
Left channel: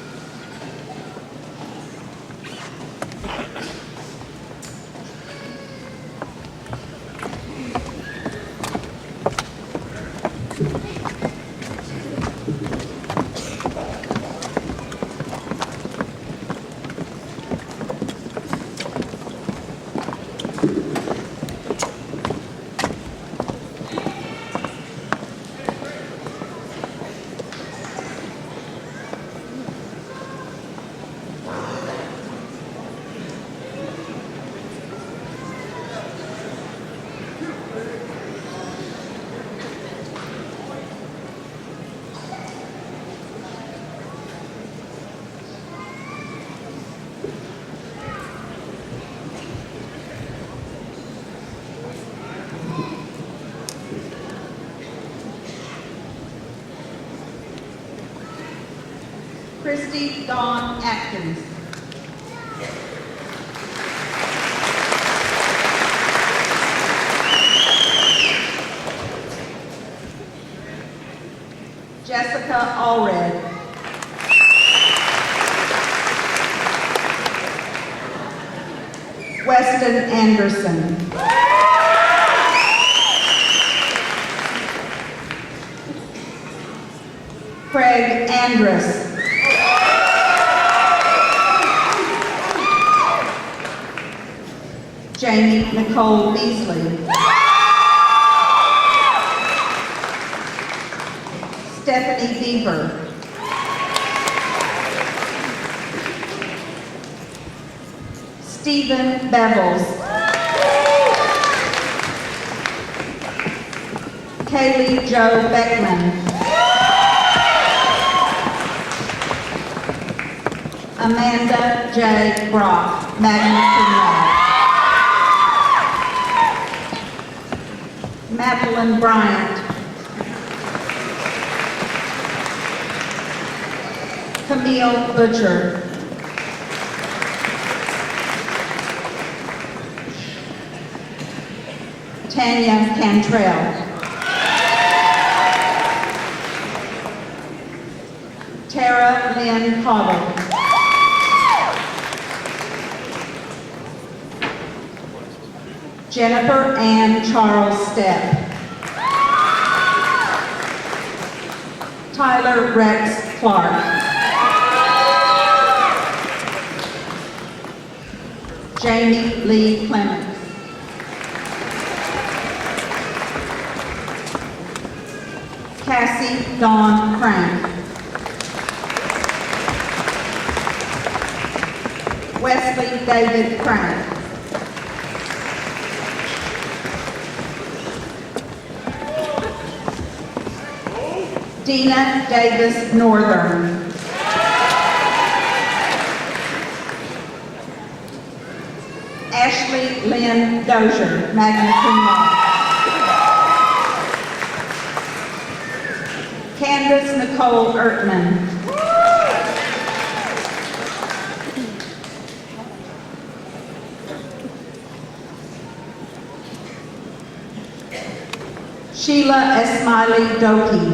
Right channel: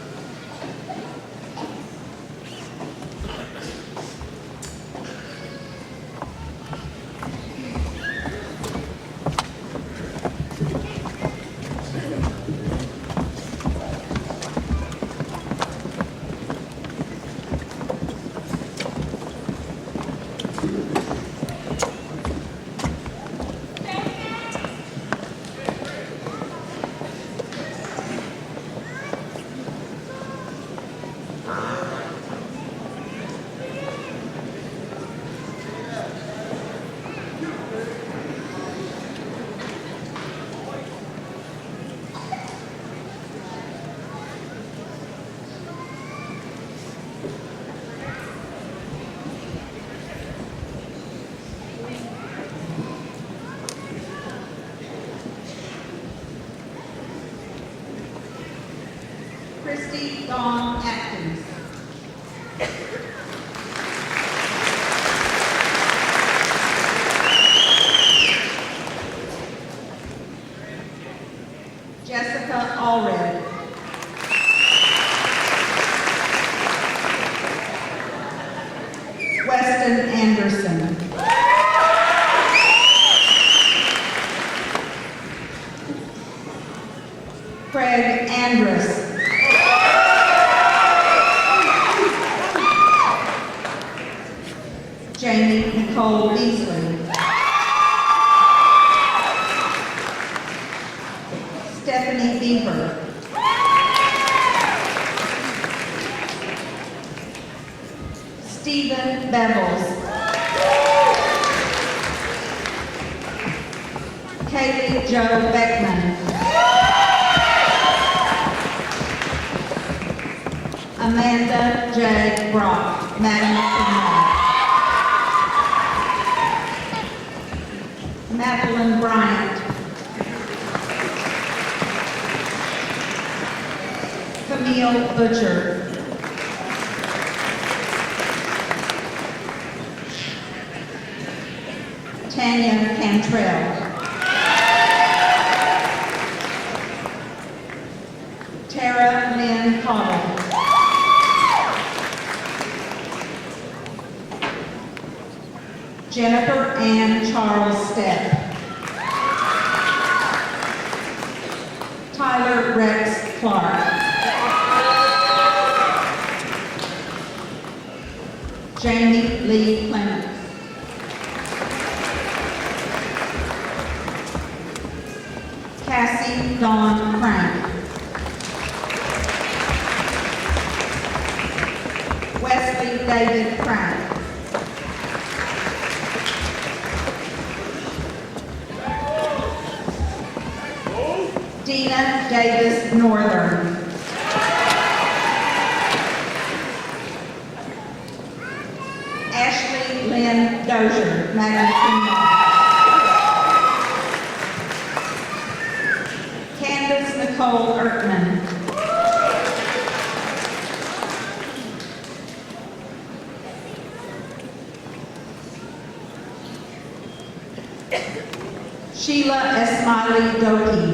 Christy Dawn Atkins. Jessica Allred. Weston Anderson. Craig Andrus. Jamie Nicole Beasley. Stephanie Beaver. Stephen Bevels. Kaylee Jo Beckman. Amanda J. Brock, magna cum laude. Madeline Bryant. Camille Butcher. Tanya Cantrell. Tara Lynn Cottle. Jennifer Ann Charles Stepp. Tyler Rex Clark. Jamie Lee Clements. Cassie Dawn Crank. Wesley David Crank. Dina Davis Northern. Ashley Lynn Dozier, magna cum laude. Candace Nicole Ertman. Sheila Esmiley Doki.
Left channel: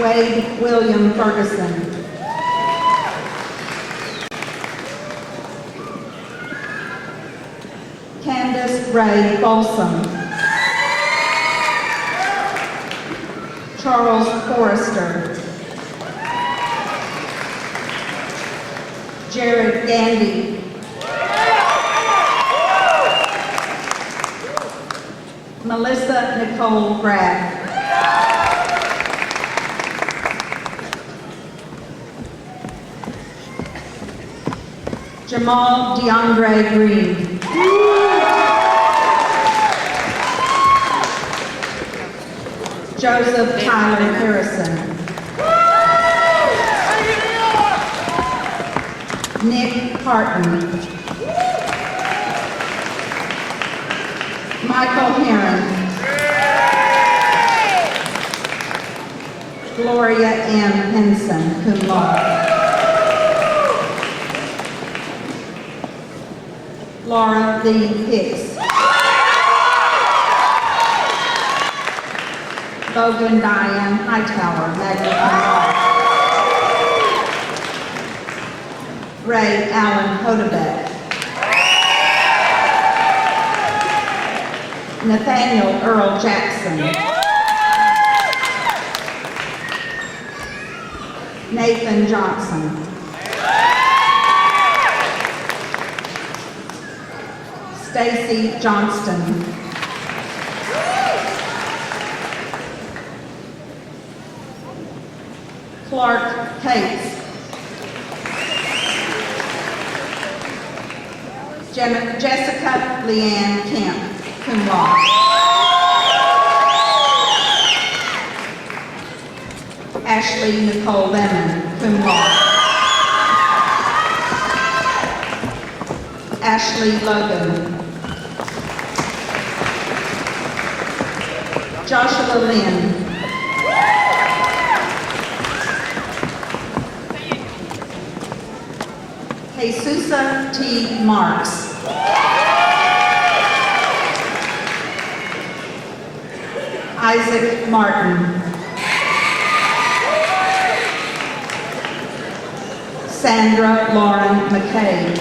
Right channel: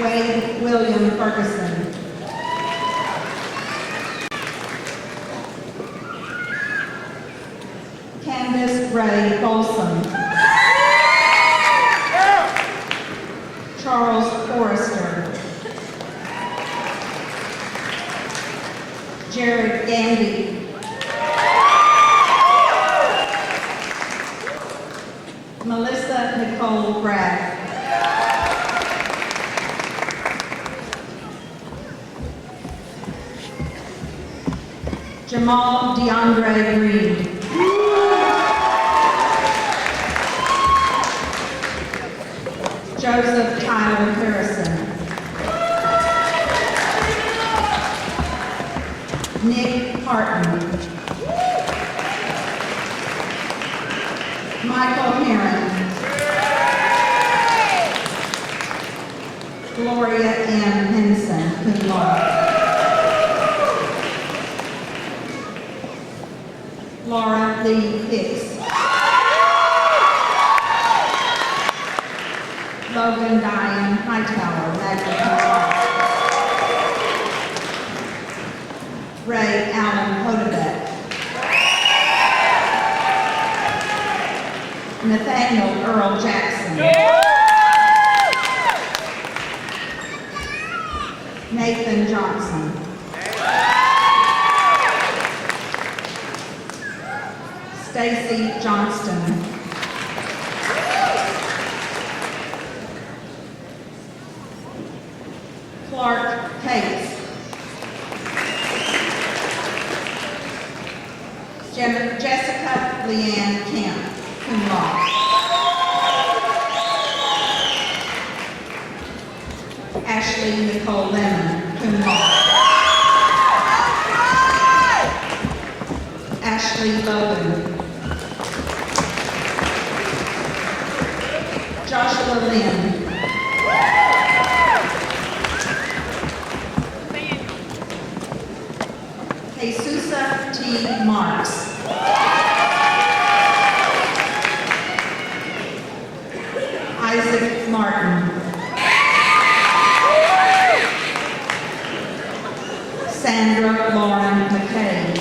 Wade William Ferguson. Candace Ray Folsom. Charles Forrester. Jared Gandy. Melissa Nicole Graff. Jamal DeAndre Green. Joseph Tyler Harrison. Nick Harton. Michael Heron. Gloria M. Henson, cum laude. Laura Lee Hicks. Logan Diane Hightower, magna cum laude. Ray Allen Hodebeck. Nathaniel Earl Jackson. Nathan Johnson. Stacy Johnston. Clark Cates. Jessica Leanne Kemp, cum laude. Ashley Nicole Lemon, cum laude. Ashley Logan. Joshua Lynn. Jesusa T. Marks. Isaac Martin. Sandra Lauren McKay.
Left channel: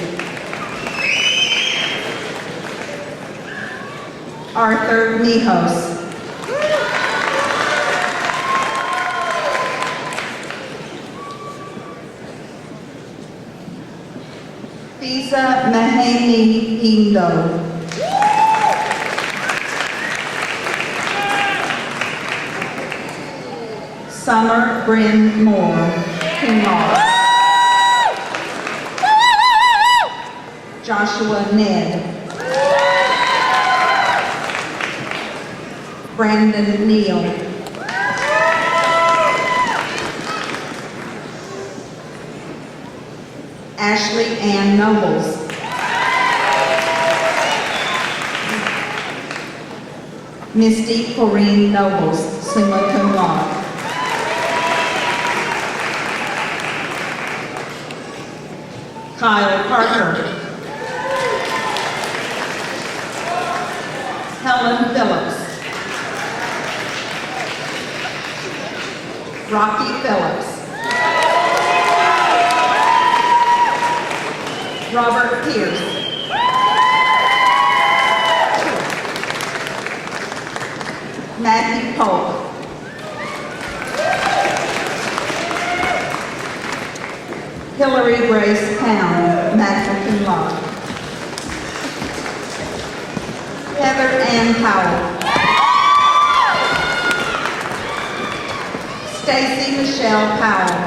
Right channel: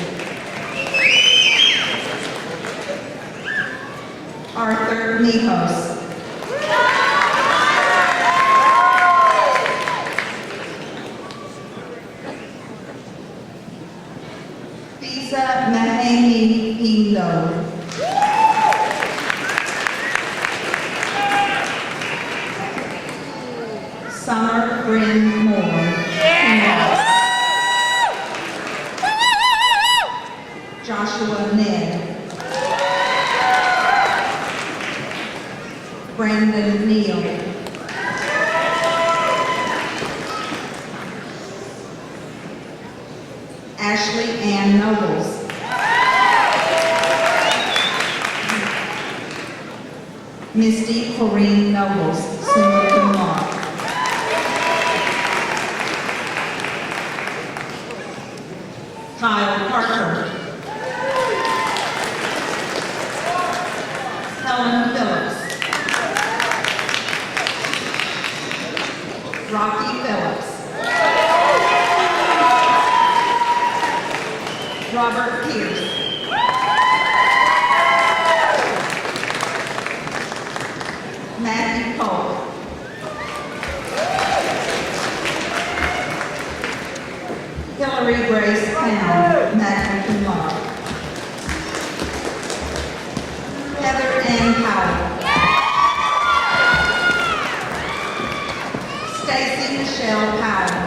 Arthur Mijos. Visa Mahani Indo. Summer Bryn Moore, cum laude. Joshua Ned. Brandon Neal. Ashley Ann Nobles. Misty Corrine Nobles, summa cum laude. Kyle Parker. Helen Phillips. Rocky Phillips. Robert Pierce. Matthew Polk. Hillary Grace Pound, magna cum laude. Heather Ann Powell. Stacy Michelle Powell.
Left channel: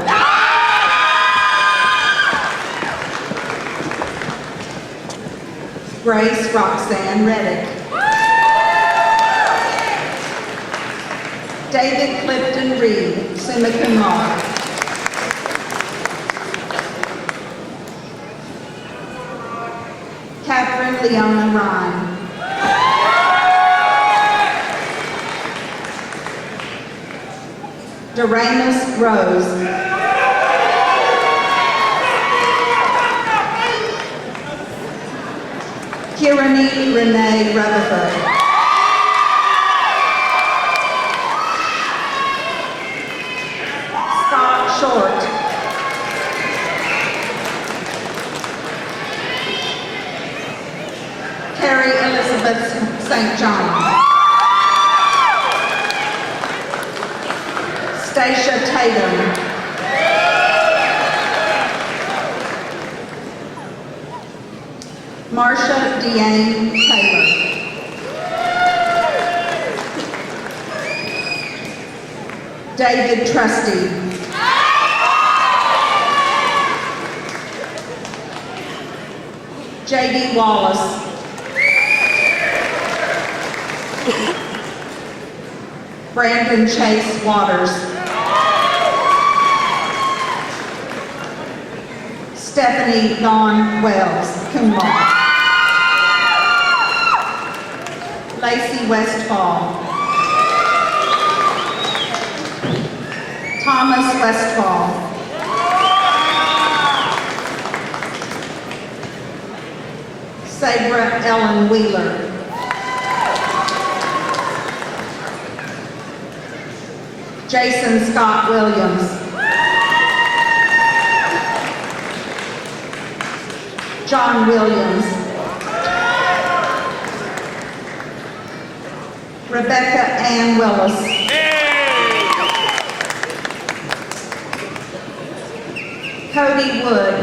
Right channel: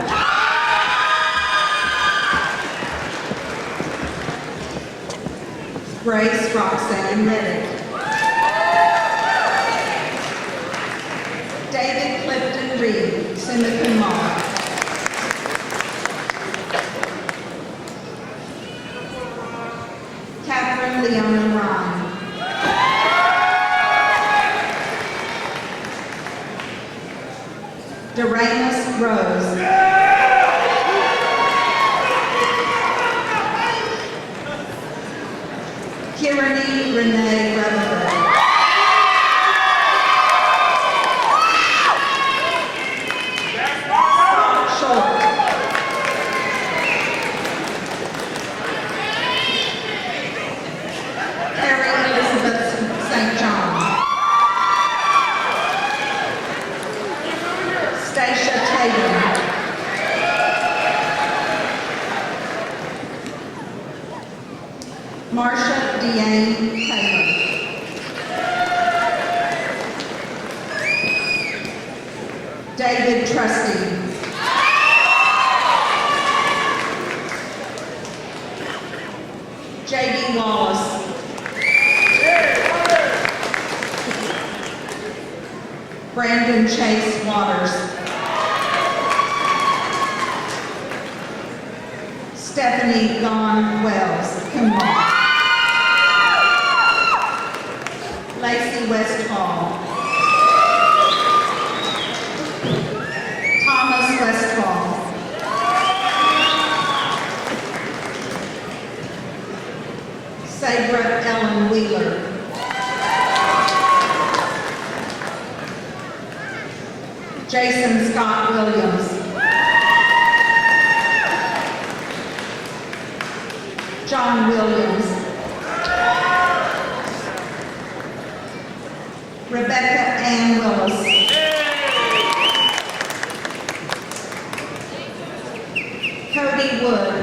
Grace Roxanne Reddick. David Clifton Reed, summa cum laude. Catherine Leona Ryan. Doremus Rose. Kirani Renee Rutherford. Scott Short. Carrie Elizabeth St. John. Stacia Tatum. Marsha Deanne Taylor. David Trusty. J.D. Wallace. Brandon Chase Waters. Stephanie Dawn Wells, cum laude. Lacey Westfall. Thomas Westfall. Sabra Ellen Wheeler. Jason Scott Williams. John Williams. Rebecca Ann Willis. Cody Wood.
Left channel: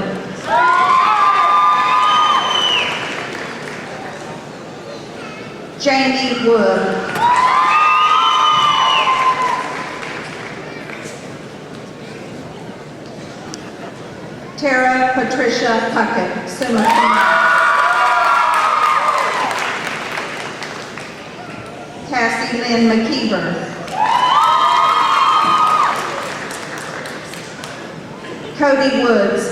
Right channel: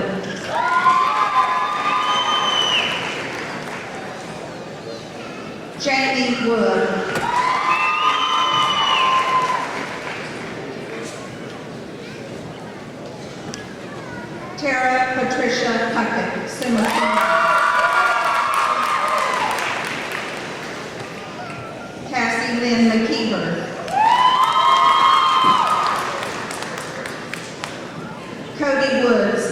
Jamie Wood. Tara Patricia Puckett, summa cum laude. Cassie Lynn McKeever. Cody Woods.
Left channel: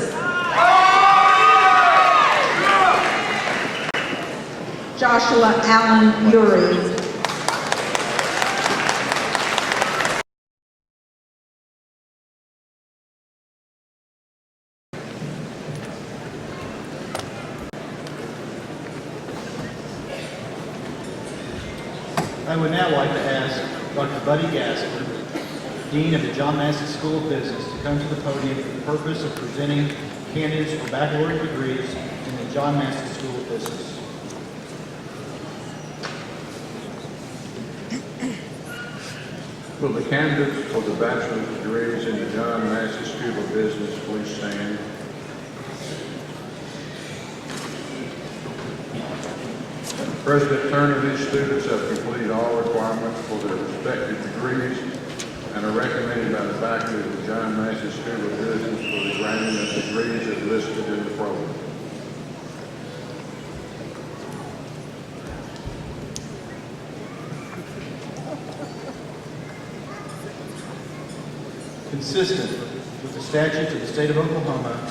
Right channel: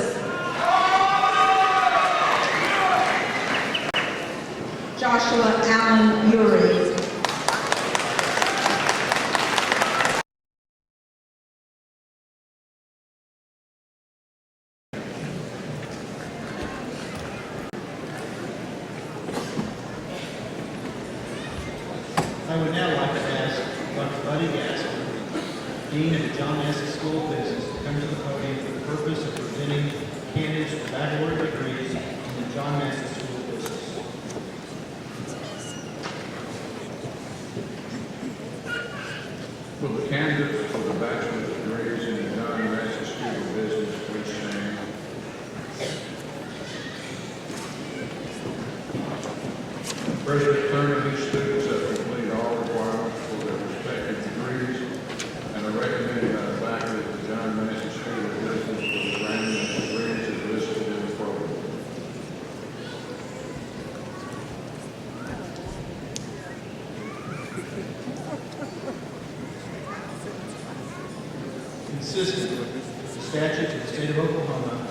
Joshua Allen Uri. I would now like to ask Dr. Buddy Gasker, Dean of the John Massey School of Business, to come to the podium for the purpose of presenting candidates for baccalaureate degrees in the John Massey School of Business. Will the candidates for the bachelor's degrees in the John Massey School of Business please stand? The present turn of these students have completed all requirements for their respective degrees and are recommended by the faculty of the John Massey School of Business for the granting of degrees as listed in the program. Consistent with the statutes of the state of Oklahoma,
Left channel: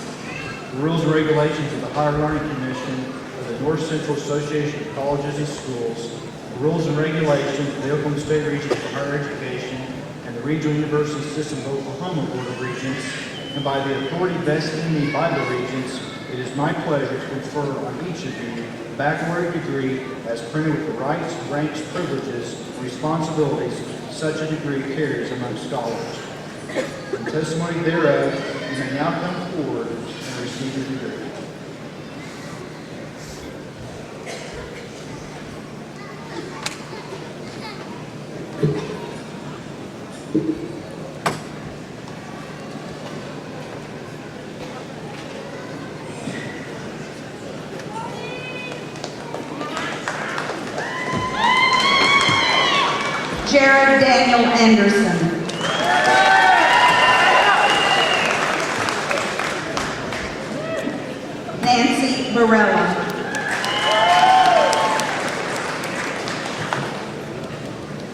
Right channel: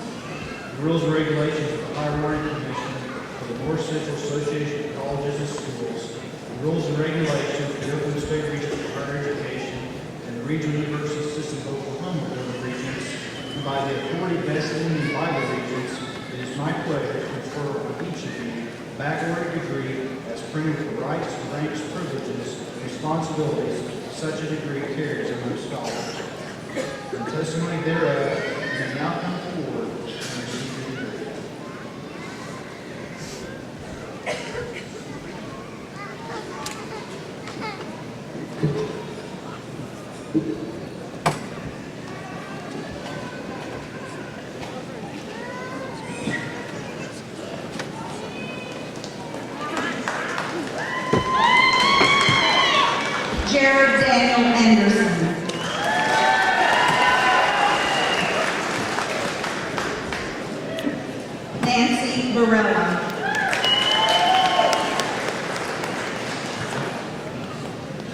the rules and regulations of the Higher Learning Commission of the North Central Association of Colleges and Schools, the rules and regulations of the Oklahoma State Regents for Higher Education, and the Regional University System of Oklahoma Board of Regents, and by the authority vested in me by the Regents, it is my pleasure to confer on each of you a baccalaureate degree as printed with the rights, ranks, privileges, and responsibilities such a degree carries among scholars. In testimony thereof, you may now come forward and receive your degree. Jared Daniel Anderson. Nancy Varela.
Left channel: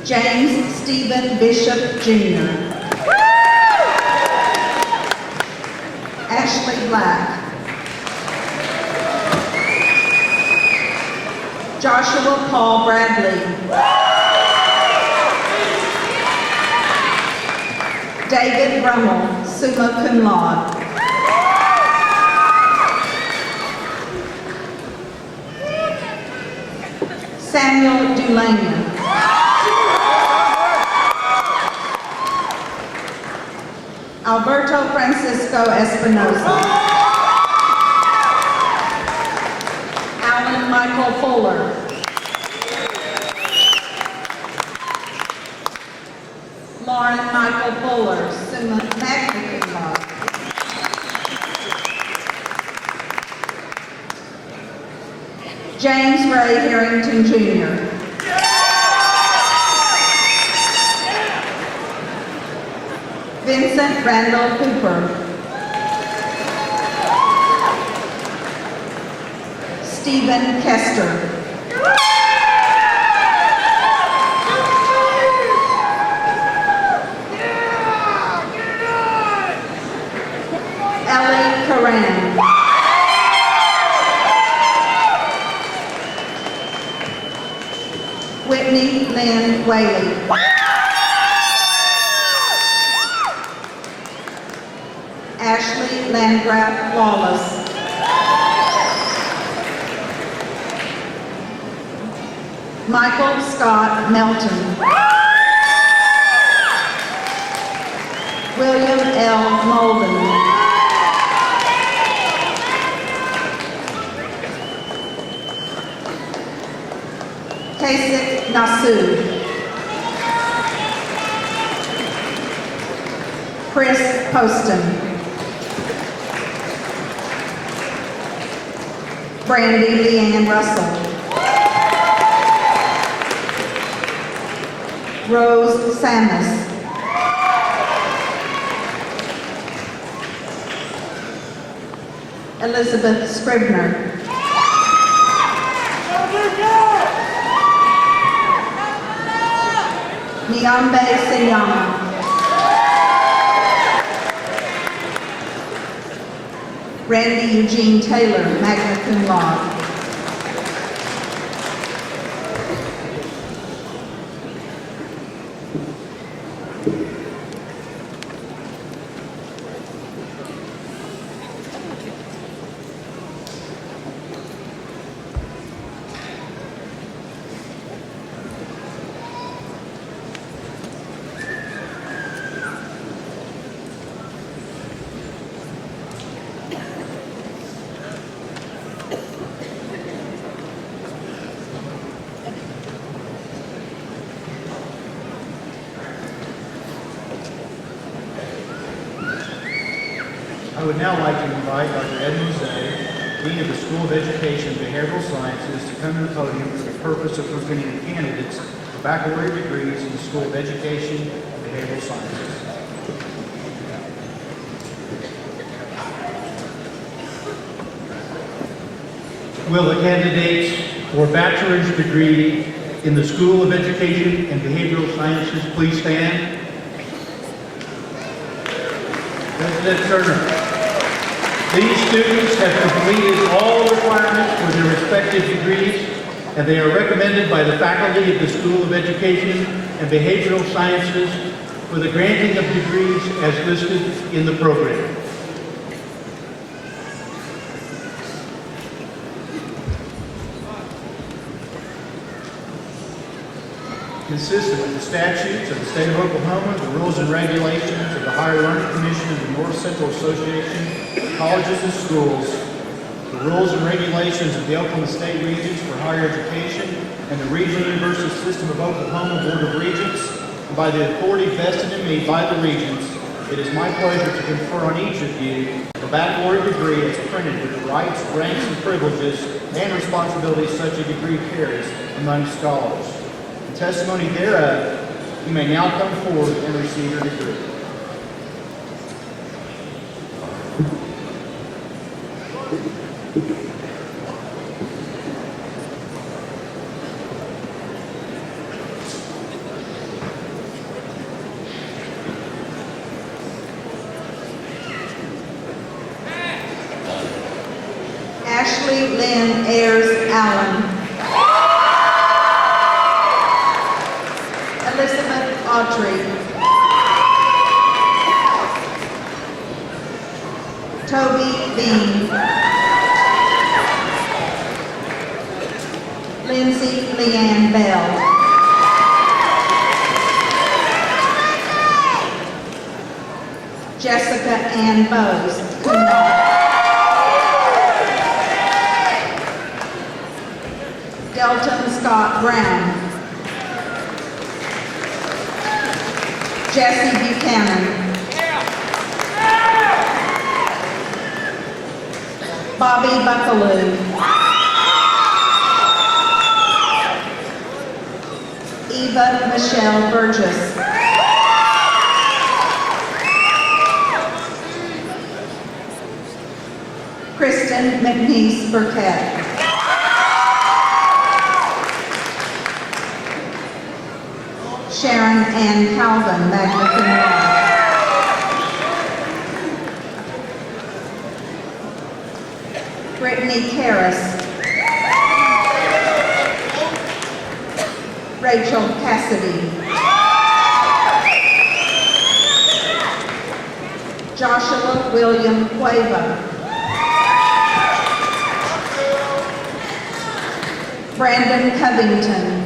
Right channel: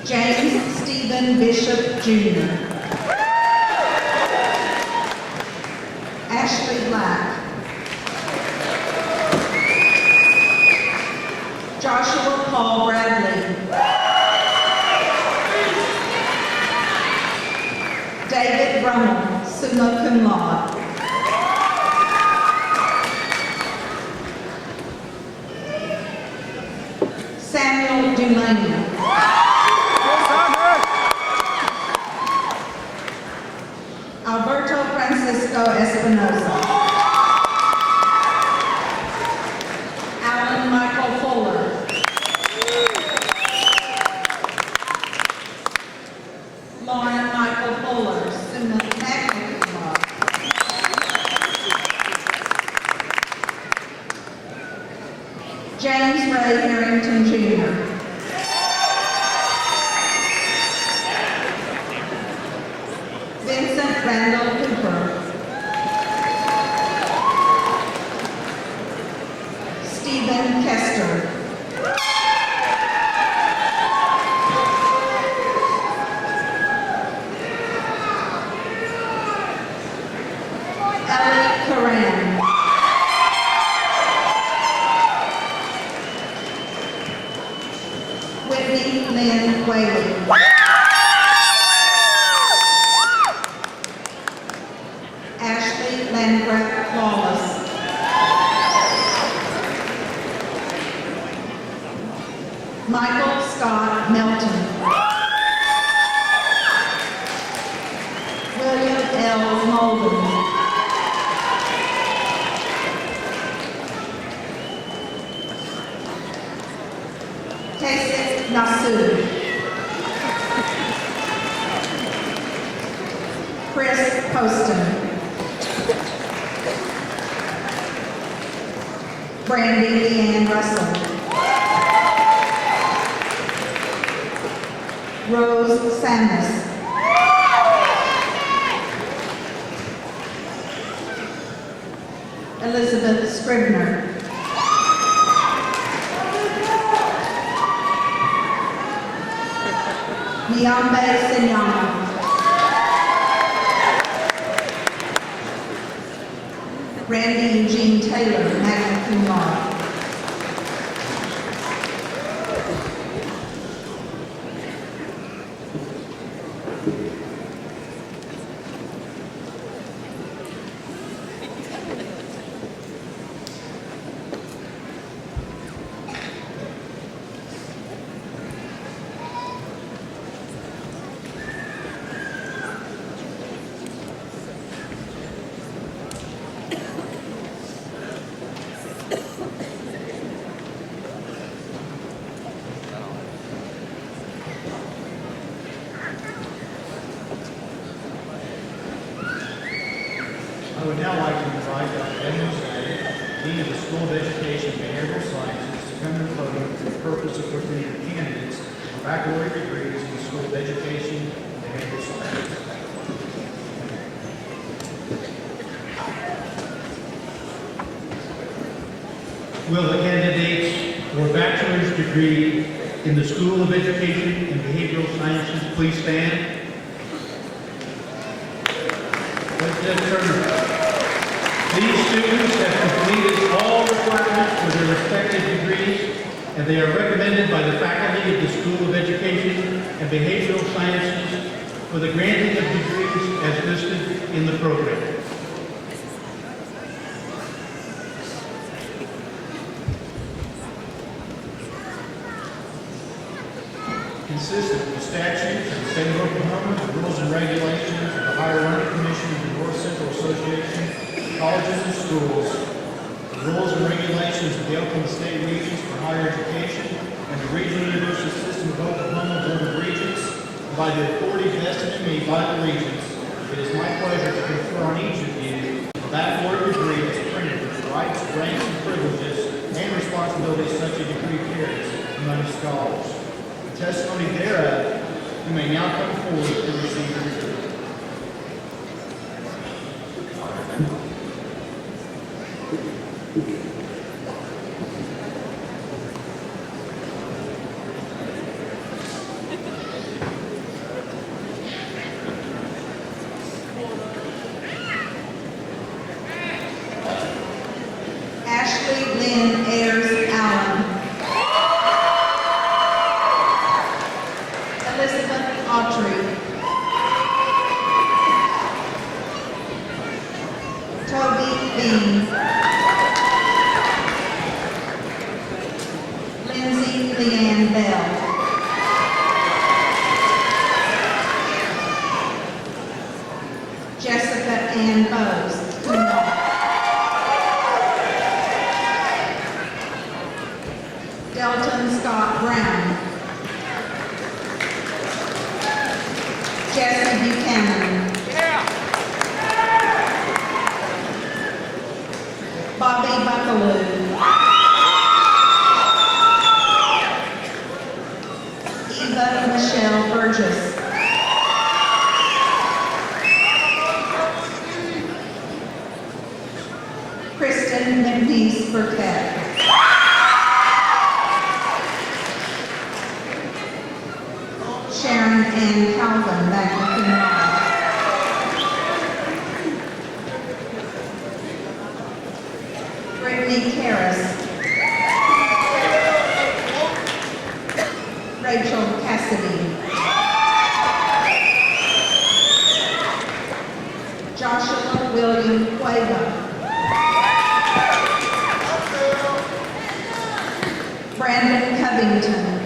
James Stephen Bishop Jr. Ashley Black. Joshua Paul Bradley. David Brummel, summa cum laude. Samuel Dulanian. Alberto Francisco Espinosa. Alan Michael Fuller. Lauren Michael Fuller, summa magna cum laude. James Ray Harrington Jr. Vincent Randall Cooper. Stephen Kester. Ellie Karan. Whitney Lynn Whaley. Ashley Landgraf Lawless. Michael Scott Melton. William L. Molden. Kasich Nasu. Chris Poston. Brandy Leanne Russell. Rose Samus. Elizabeth Scribner. Niambe Senyama. Randy Eugene Taylor, magna cum laude. I would now like to invite Dr. Ed Mosé, Dean of the School of Education and Behavioral Sciences, to come to the podium for the purpose of presenting candidates for baccalaureate degrees in the School of Education and Behavioral Sciences. Will the candidates for bachelor's degree in the School of Education and Behavioral Sciences please stand? President Turner. These students have completed all requirements for their respective degrees, and they are recommended by the faculty of the School of Education and Behavioral Sciences for the granting of degrees as listed in the program. Consistent with the statutes of the state of Oklahoma, the rules and regulations of the Higher Learning Commission and the North Central Association of Colleges and Schools, the rules and regulations of the Oklahoma State Regents for Higher Education and the Regional University System of Oklahoma Board of Regents, and by the authority vested in me by the Regents, it is my pleasure to confer on each of you the baccalaureate degree as printed with the rights, ranks, and privileges and responsibilities such a degree carries among scholars. Testimony thereof, you may now come forward and receive your degree. Ashley Lynn Ayers Allen. Elizabeth Autry. Toby Bean. Lindsay Leanne Bell. Jessica Ann Bowes. Delton Scott Brown. Jesse Buchanan. Bobby Buckaloo. Eva Michelle Burgess. Kristen McNeese Burkett. Sharon Ann Calvin, magna cum laude. Brittany Karras. Rachel Cassidy. Joshua William Cueva. Brandon Covington.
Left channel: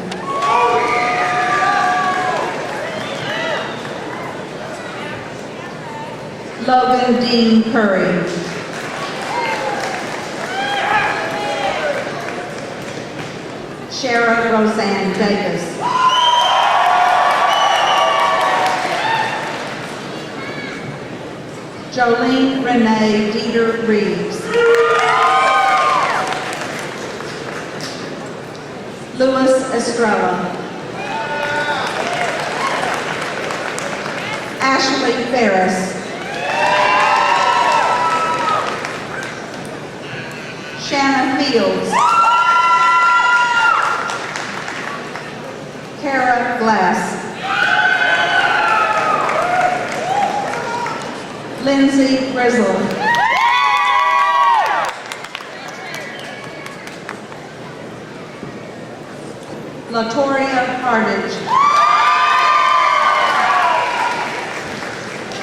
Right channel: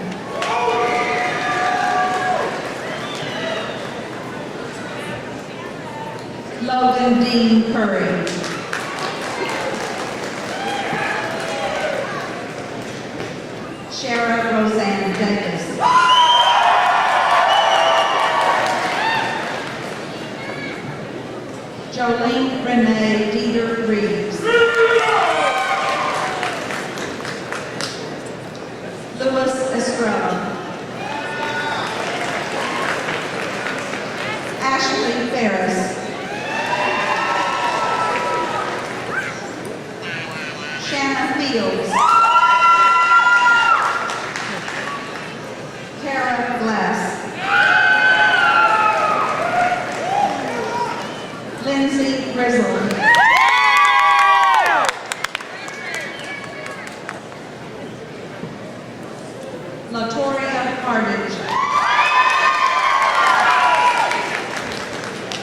Logan Dean Curry. Shara Roseanne Davis. Jolene Renee Dieter Reeves. Louis Estrella. Ashley Ferris. Shanna Fields. Kara Glass. Lindsay Grizzle. Latoria Hardage.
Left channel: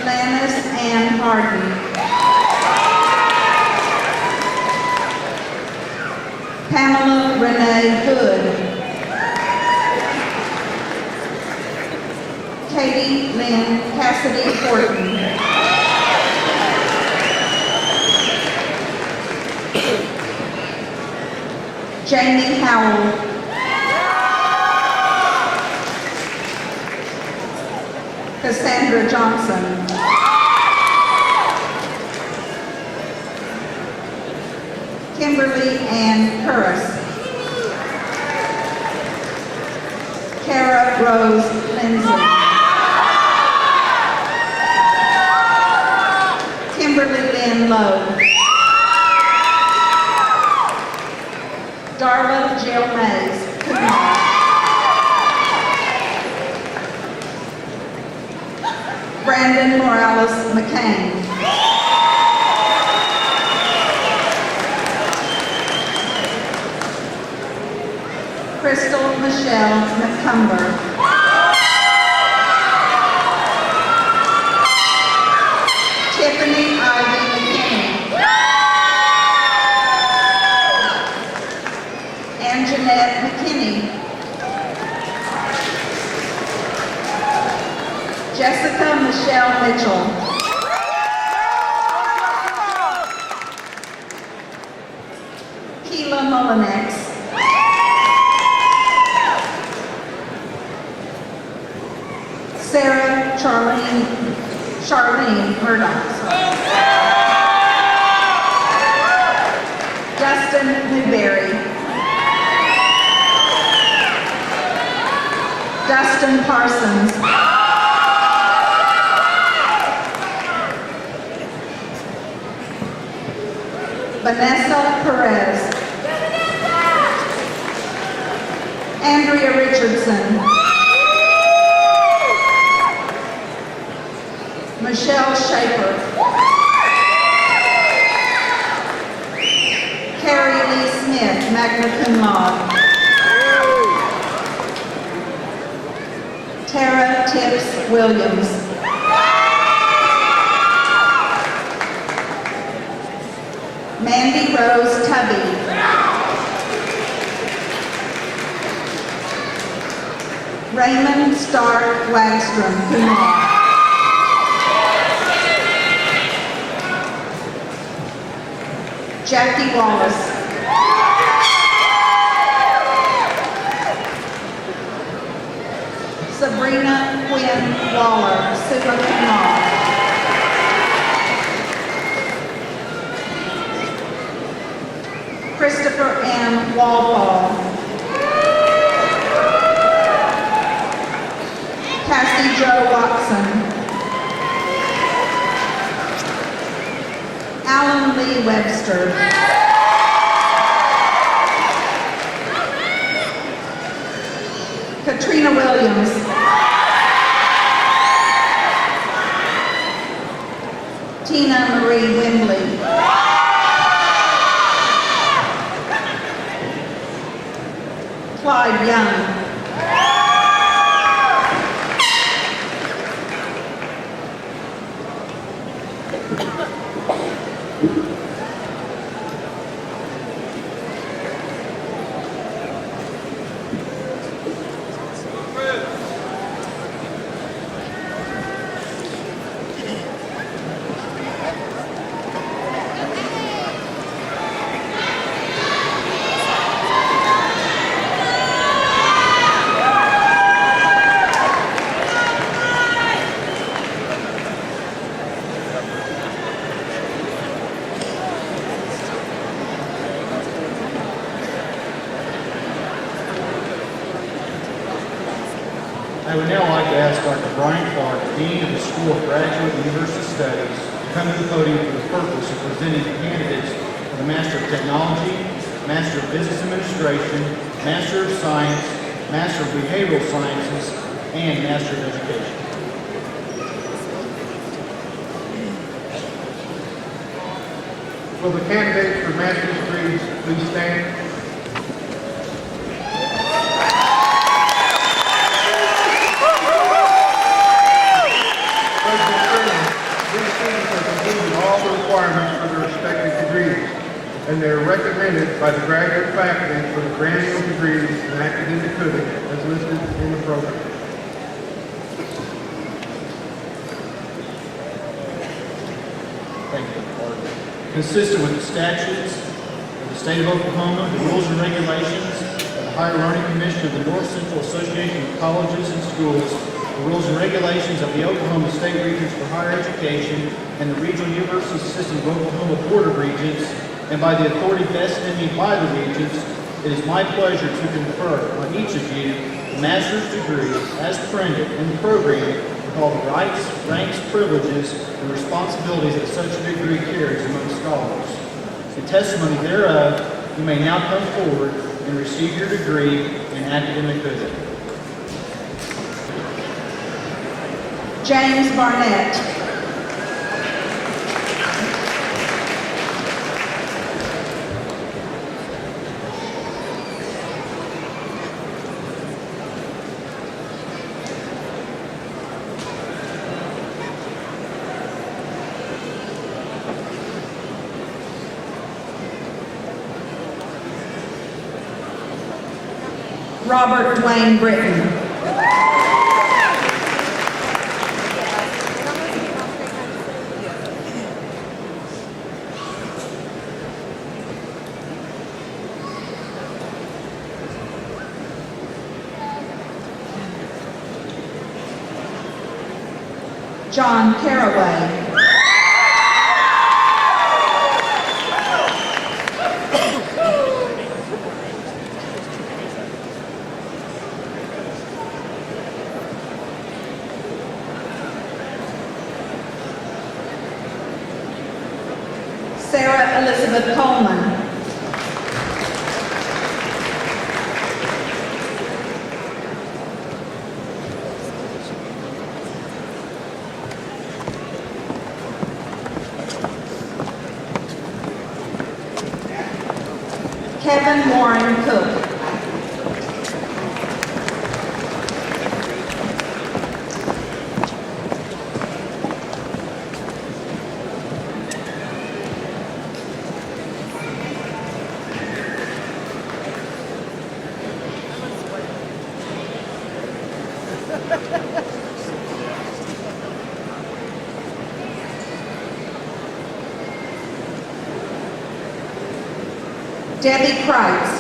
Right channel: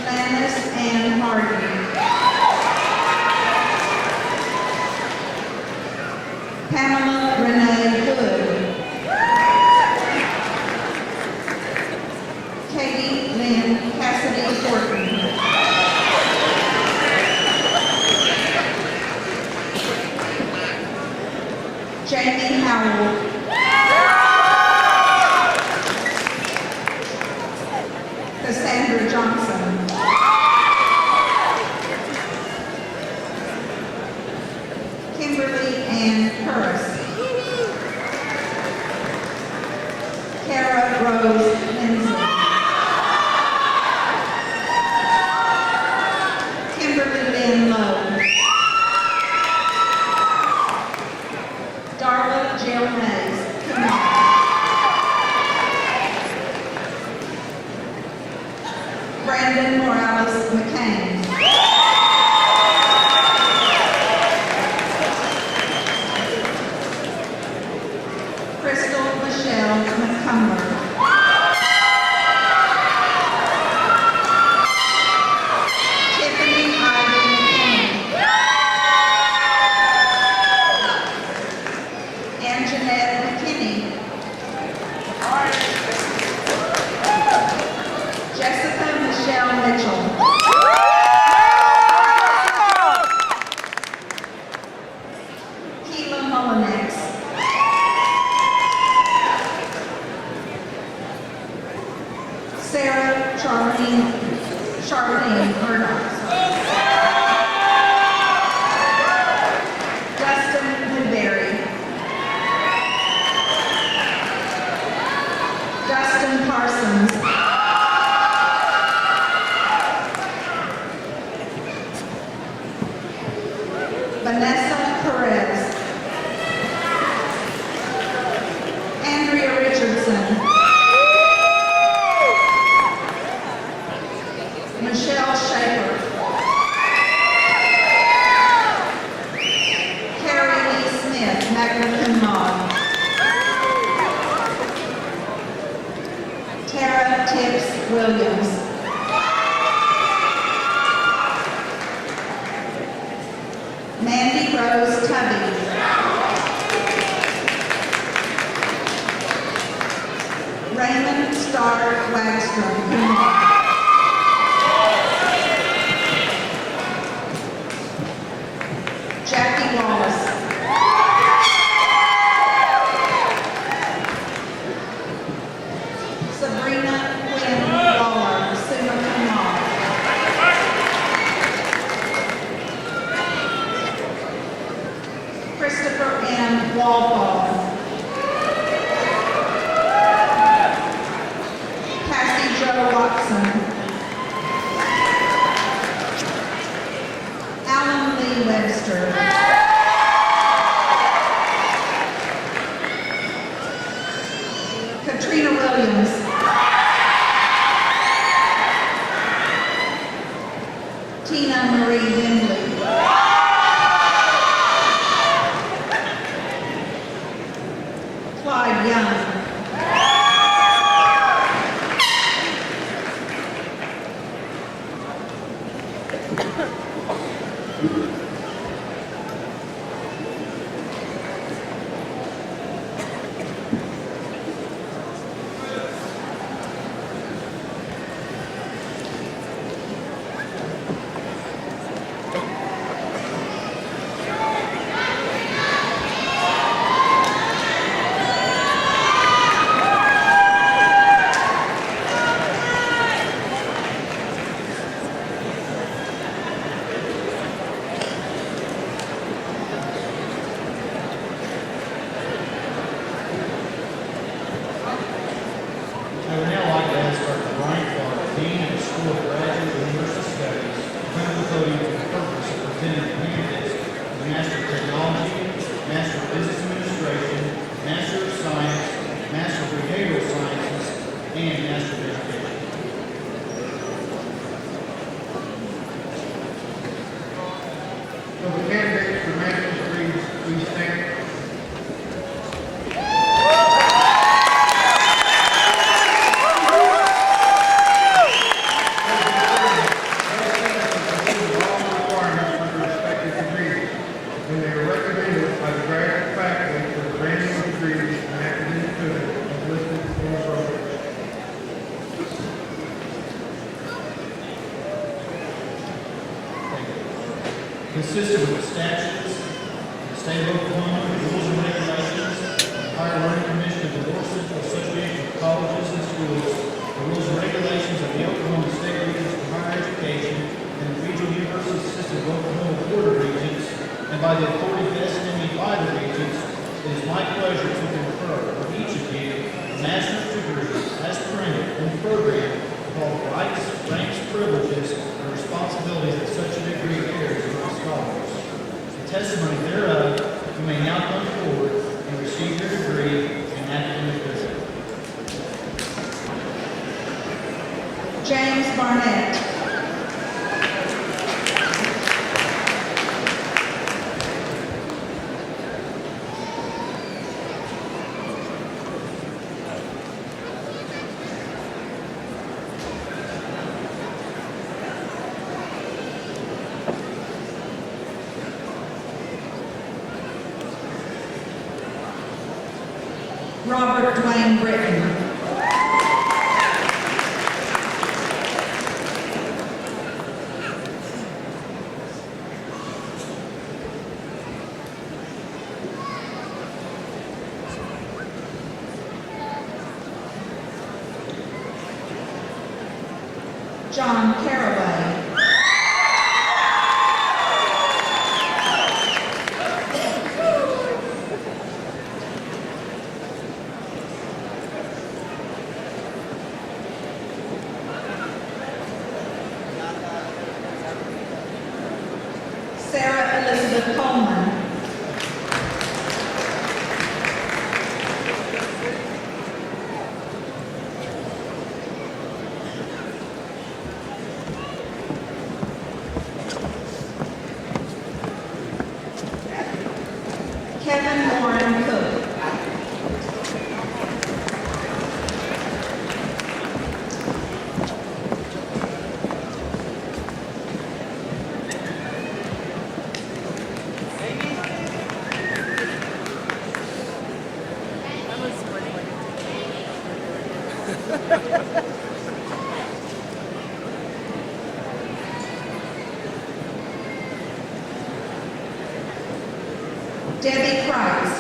Lannis Ann Harden. Pamela Renee Hood. Katie Lynn Cassidy Horton. Jamie Howell. Cassandra Johnson. Kimberly Ann Curris. Kara Rose Lindsay. Kimberly Lynn Lowe. Darla Jill Mays, cum laude. Brandon Morales McCain. Crystal Michelle McCumber. Tiffany Ivy McKinney. And Jeanette McKinney. Jessica Michelle Mitchell. Keela Mullinex. Sarah Charlene Murdoch. Dustin Newberry. Dustin Parsons. Vanessa Perez. Andrea Richardson. Michelle Schaefer. Carrie Williams. Mandy Rose Tubby. Raymond Stark Wagstrom, cum laude. Jackie Wallace. Sabrina Quinn Waller, summa cum laude. Christopher M. Walpole. Cassie Jo Watson. Alan Lee Webster. Katrina Williams. Tina Marie Wembley. Clyde Young. I would now like to ask Dr. Brian Clark, Dean of the School of Graduate University Studies, to come to the podium for the purpose of presenting the candidates for the Master of Technology, Master of Business Administration, Master of Science, Master of Behavioral Sciences, and Master of Education. Will the candidates for master's degrees please stand? President Sherman, these students have completed all the requirements for their respective degrees, and they are recommended by the graduate faculty for the granting of degrees in academic coding as listed in the program. Thank you, Dr. Clark. Consistent with the statutes of the state of Oklahoma, the rules and regulations of the Higher Learning Commission of the North Central Association of Colleges and Schools, the rules and regulations of the Oklahoma State Regents for Higher Education, and the Regional University System of Oklahoma Board of Regents, and by the authority vested in me by the Regents, it is my pleasure to confer on each of you the master's degree as printed in the program with all the rights, ranks, privileges, and responsibilities that such a degree carries among scholars. In testimony thereof, you may now come forward and receive your degree in academic coding. James Barnett. Robert Dwayne Britton. John Caraway. Sarah Elizabeth Coleman. Kevin Warren Cook. Debbie Price.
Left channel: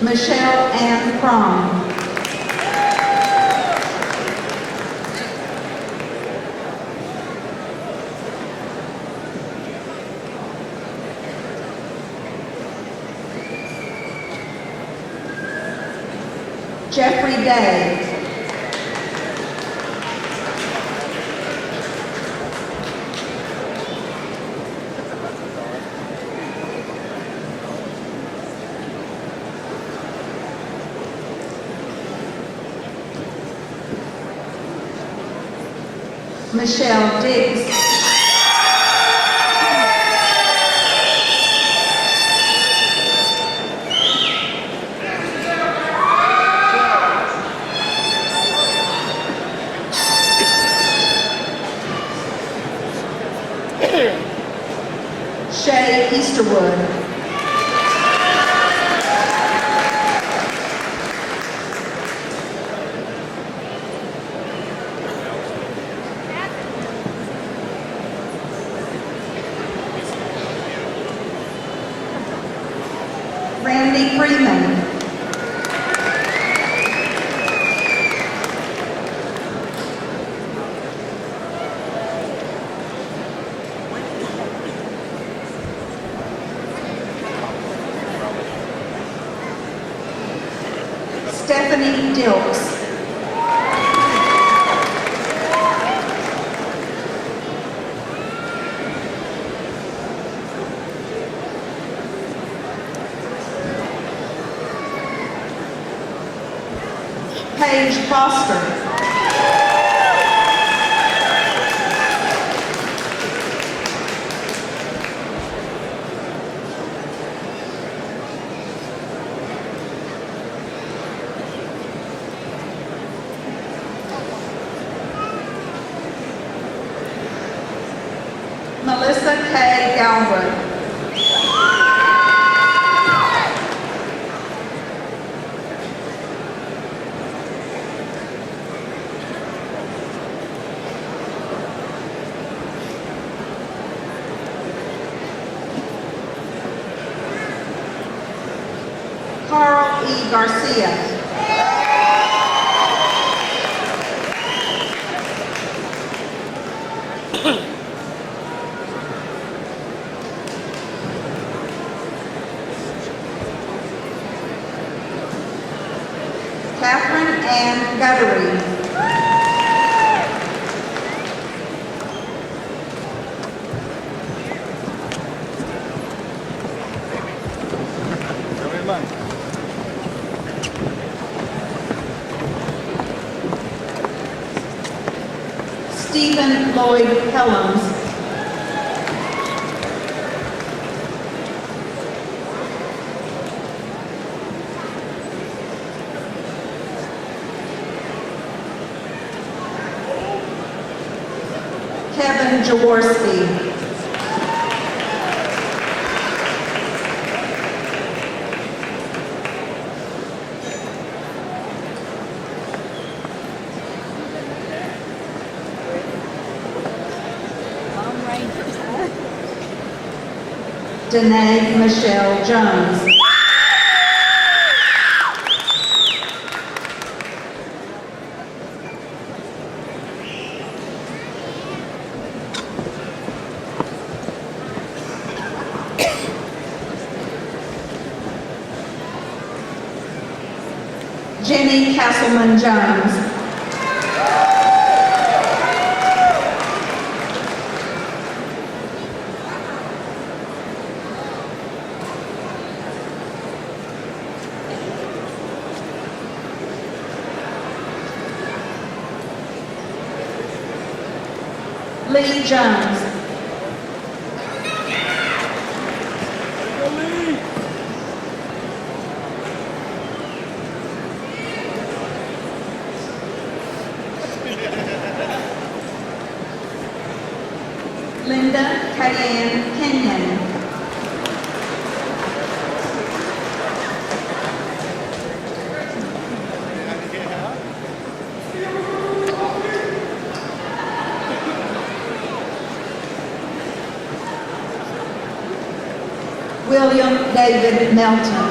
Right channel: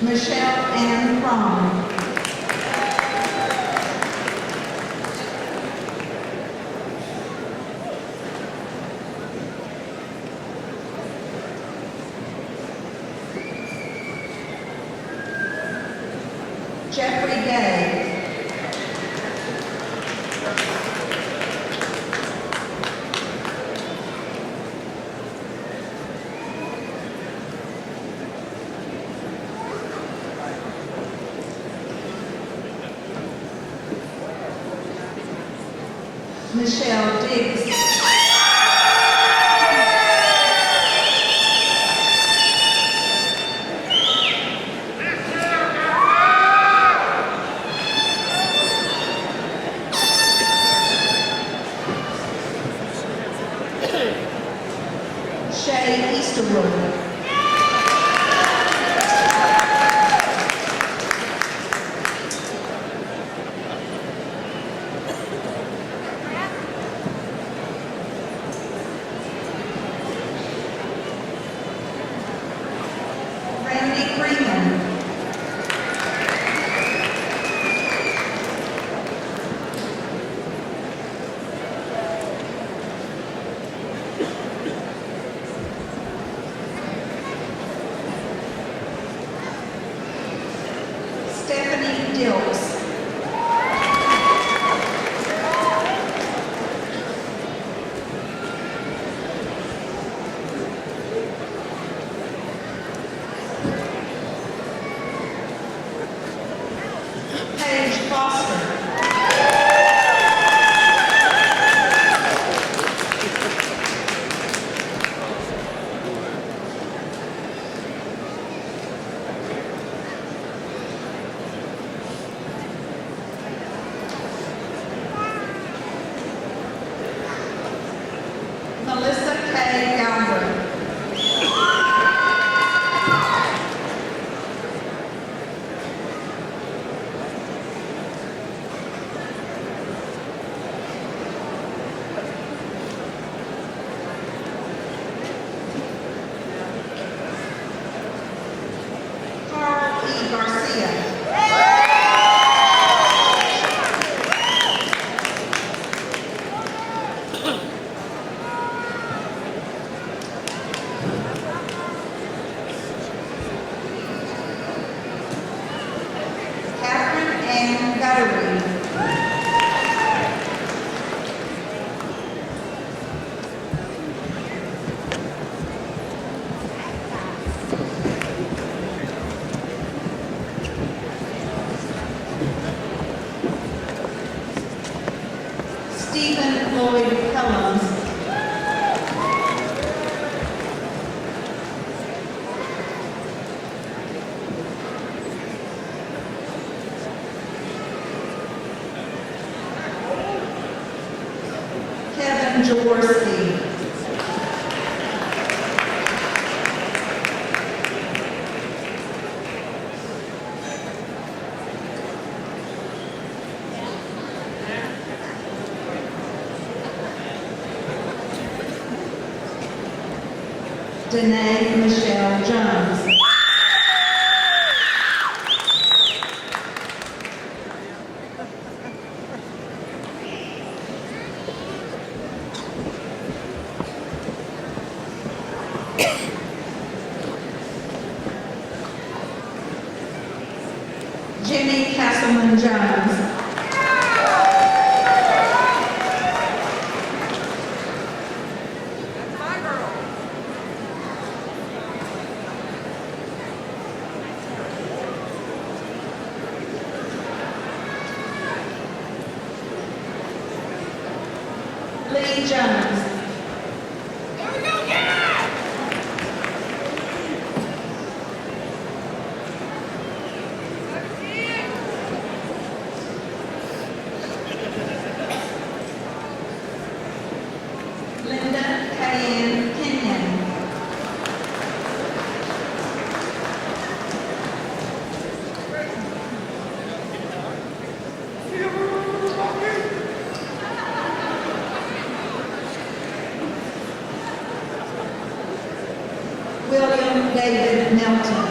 Michelle Ann Crum. Jeffrey Day. Michelle Diggs. Shay Easterwood. Randy Freeman. Stephanie Dilks. Paige Foster. Melissa K. Galbraith. Carl E. Garcia. Catherine Ann Guttery. Stephen Lloyd Helms. Kevin Jaworski. Danae Michelle Jones. Jenny Castleman Jones. Lee Jones. Linda Kayanne Kenyon. William David Melton.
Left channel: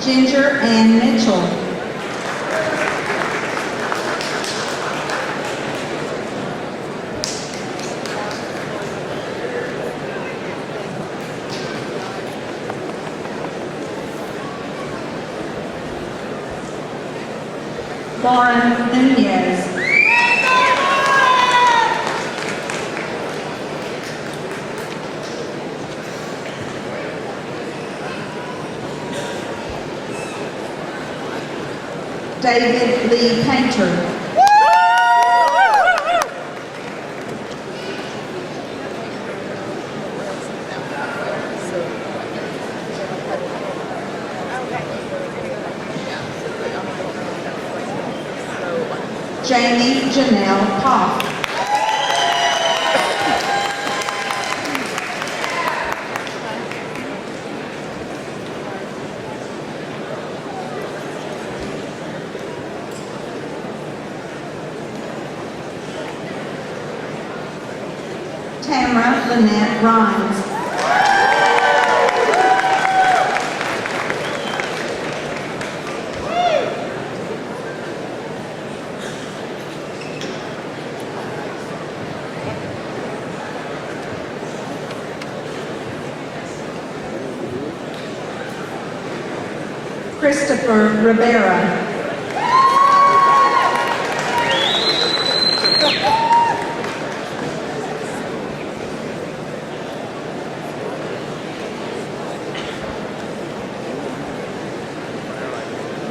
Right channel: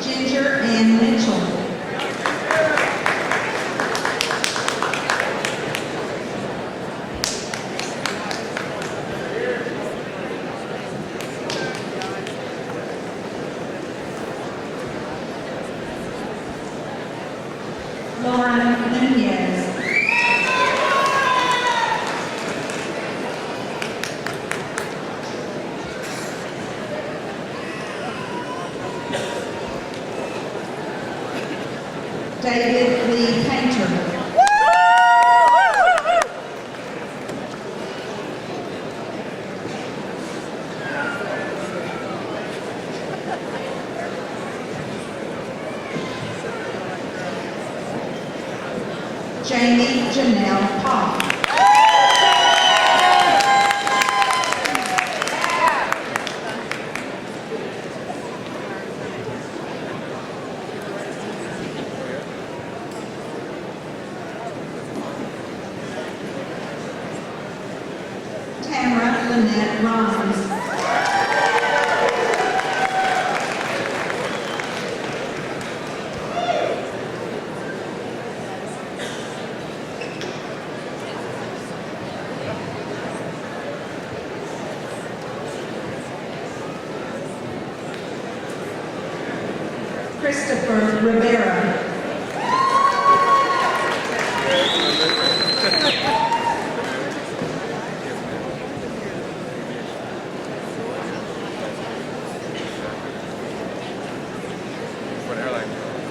Ginger Ann Mitchell. Lauren Nunez. David Lee Painter. Jamie Janelle Poff. Tamara Lynette Rhines. Christopher Rivera.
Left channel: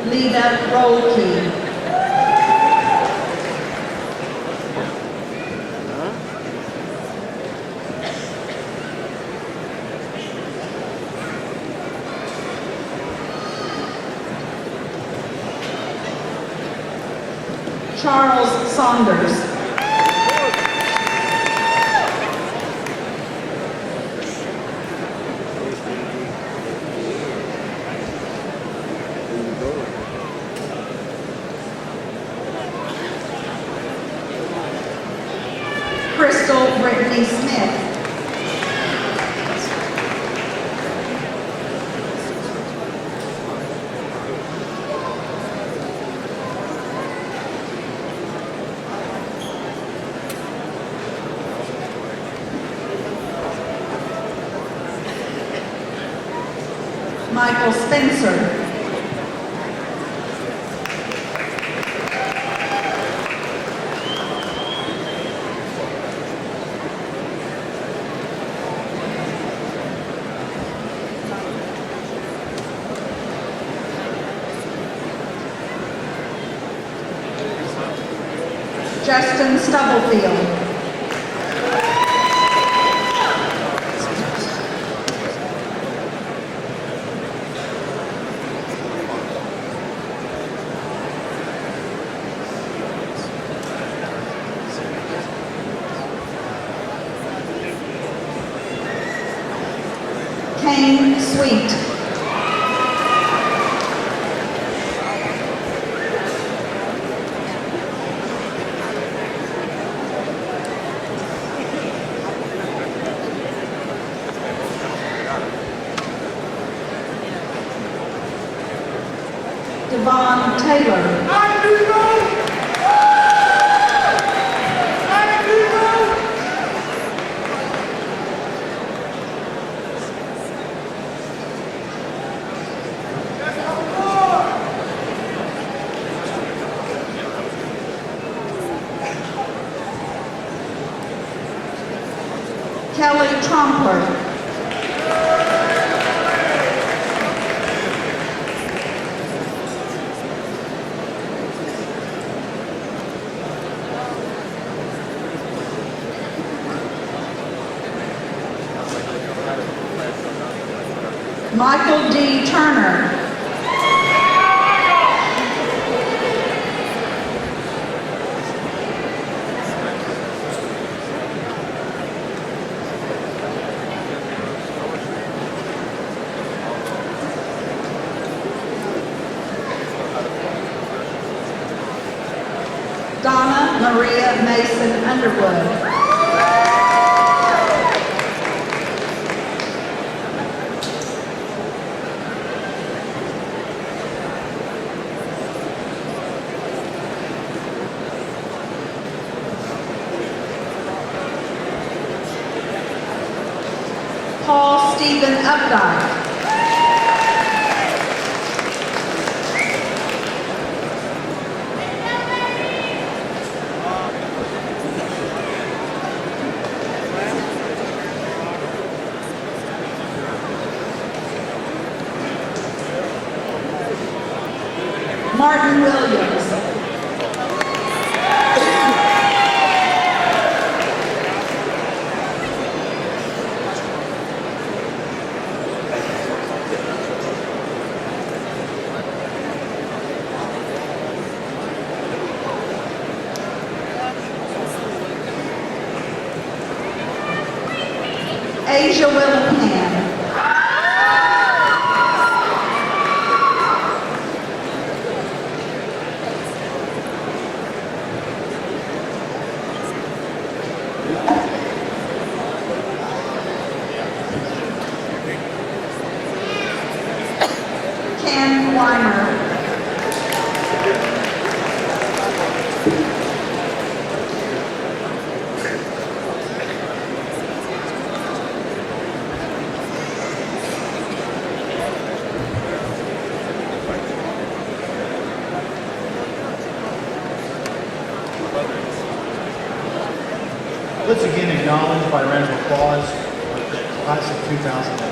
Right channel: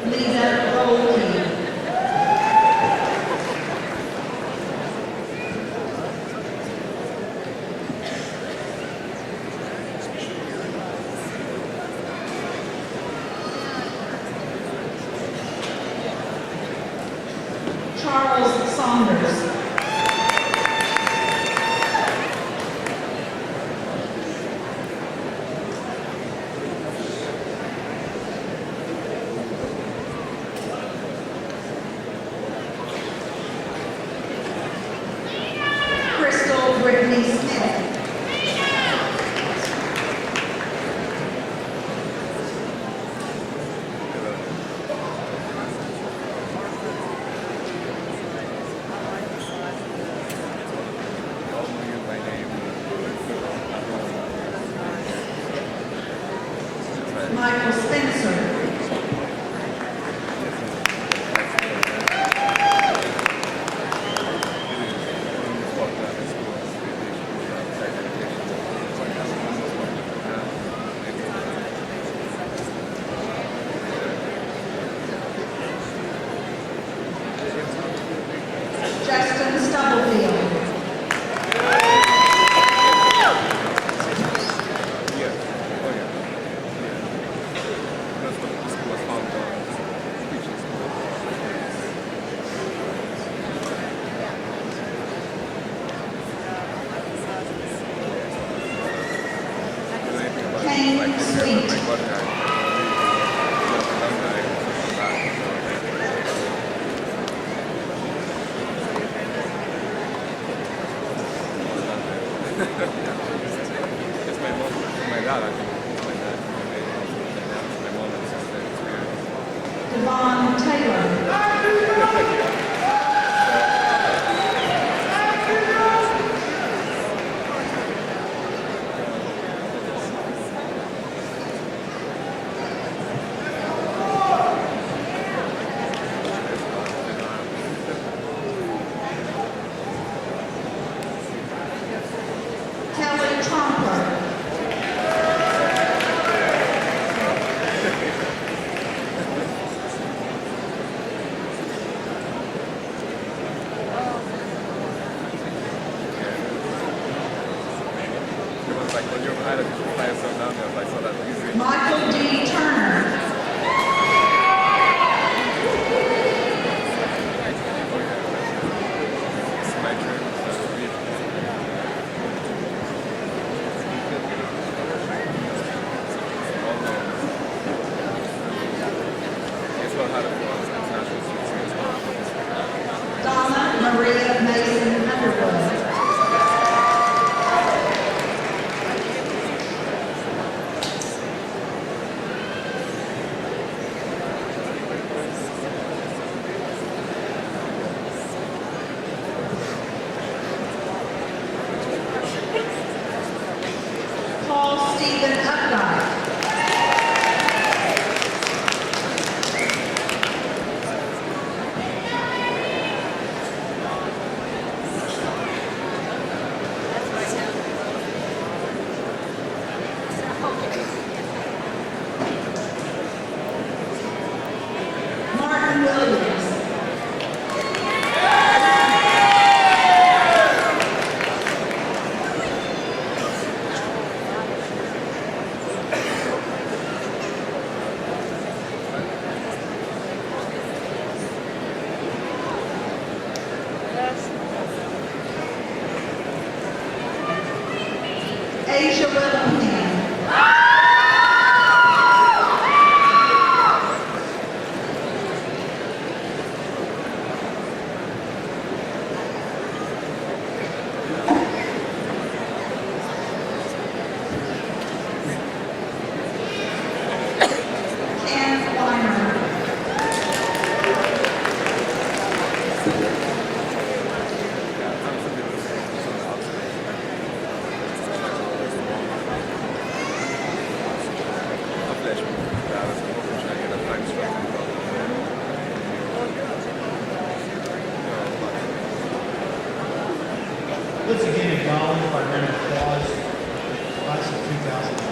Lita Rolke. Charles Saunders. Crystal Brittany Smith. Michael Spencer. Justin Stubblefield. Kane Sweet. Devon Taylor. Kelly Tromper. Michael D. Turner. Donna Maria Mason Underwood. Paul Stephen Updike. Martin Williams. Asia Willingham. Ken Weimer. Let's again acknowledge by a round of applause the class of 2008.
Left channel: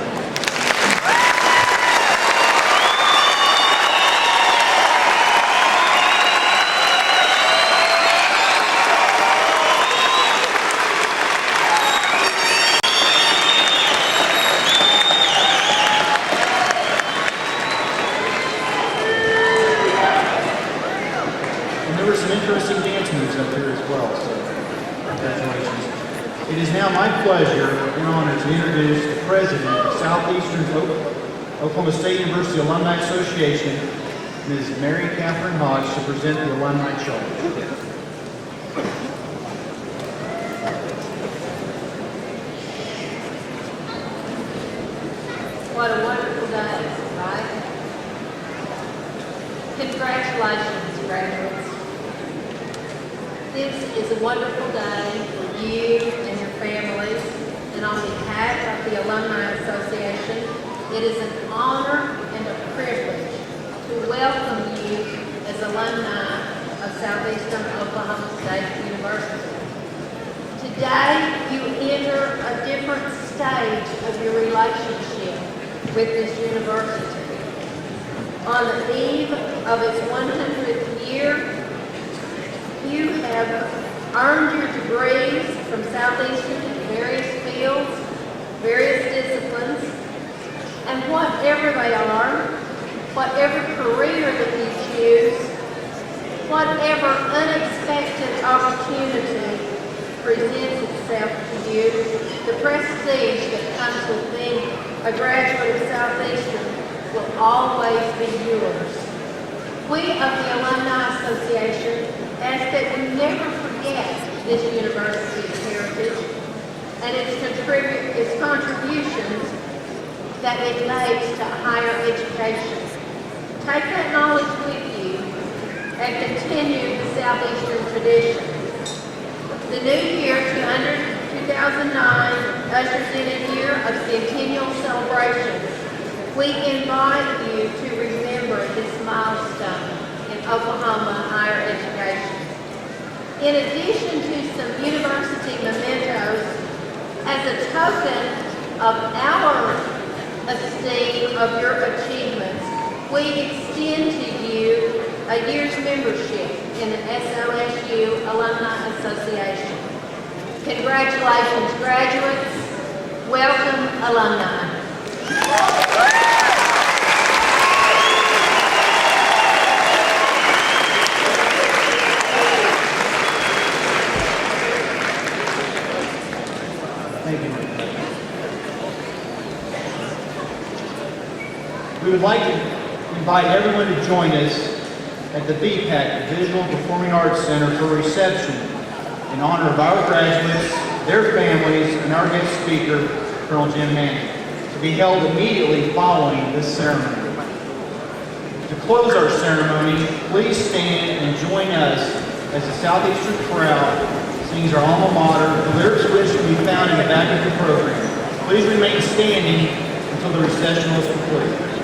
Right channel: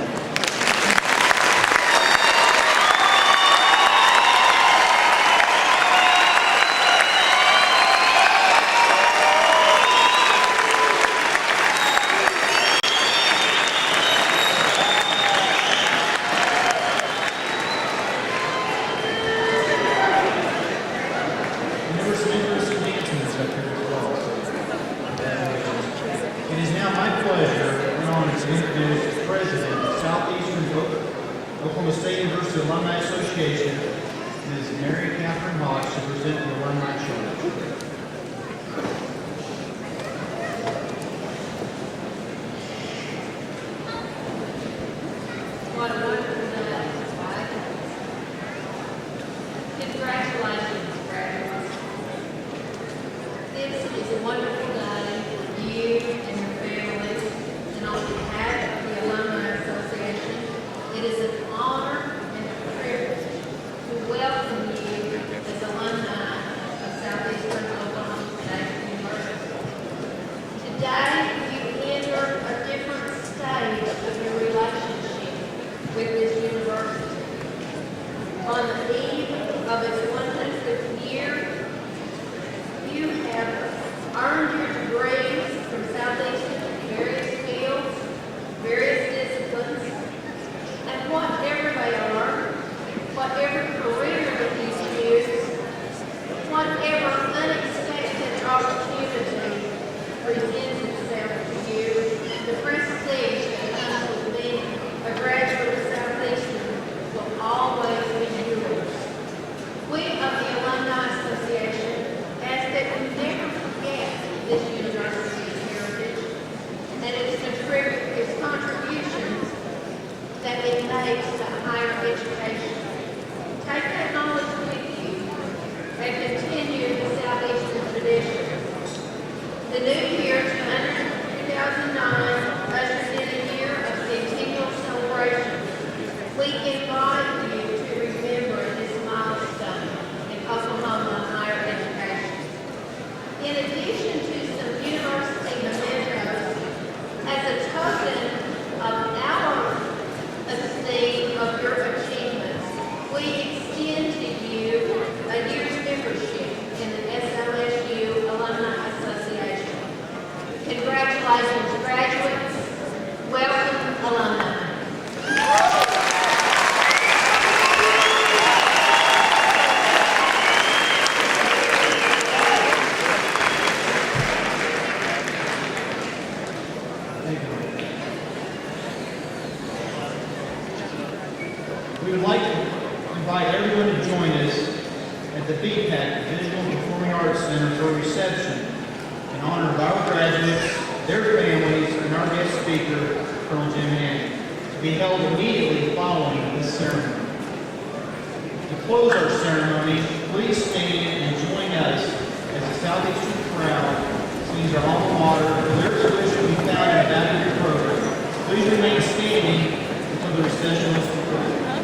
And there were some interesting dance moves up here as well, so congratulations. It is now my pleasure and honor to introduce the president of Southeastern Oklahoma State University Alumni Association, Ms. Mary Catherine Hodge, to present the alumni charge. What a wonderful day, right? Congratulations, graduates. This is a wonderful day for you and your families, and on behalf of the Alumni Association, it is an honor and a privilege to welcome you as alumni of Southeastern Oklahoma State University. Today, you enter a different stage of your relationship with this university. On the eve of its 100th year, you have earned your degrees from Southeastern in various fields, various disciplines, and whatever they are, whatever career that you choose, whatever unexpected opportunity presents itself to you, the prestige that comes with being a graduate of Southeastern will always be yours. We of the Alumni Association ask that you never forget this university's heritage and its contributions that it makes to higher education. Take that knowledge with you and continue the Southeastern tradition. The new year, 2009, ushers in a year of centennial celebration. We invite you to remember this milestone in Oklahoma higher education. In addition to some university mementos, as a token of our esteem of your achievements, we extend to you a year's membership in the SOSU Alumni Association. Congratulations, graduates. Welcome, alumni. like to invite everyone to join us at the BPAC, the Visual and Performing Arts Center, for a reception in honor of our graduates, their families, and our guest speaker, Colonel Jim Hanny, to be held immediately following this ceremony. To close our ceremony, please stand and join us as the Southeastern Chorale sings our alma mater, the lyrics of which can be found in the back of the program. Please remain standing until the recession is complete.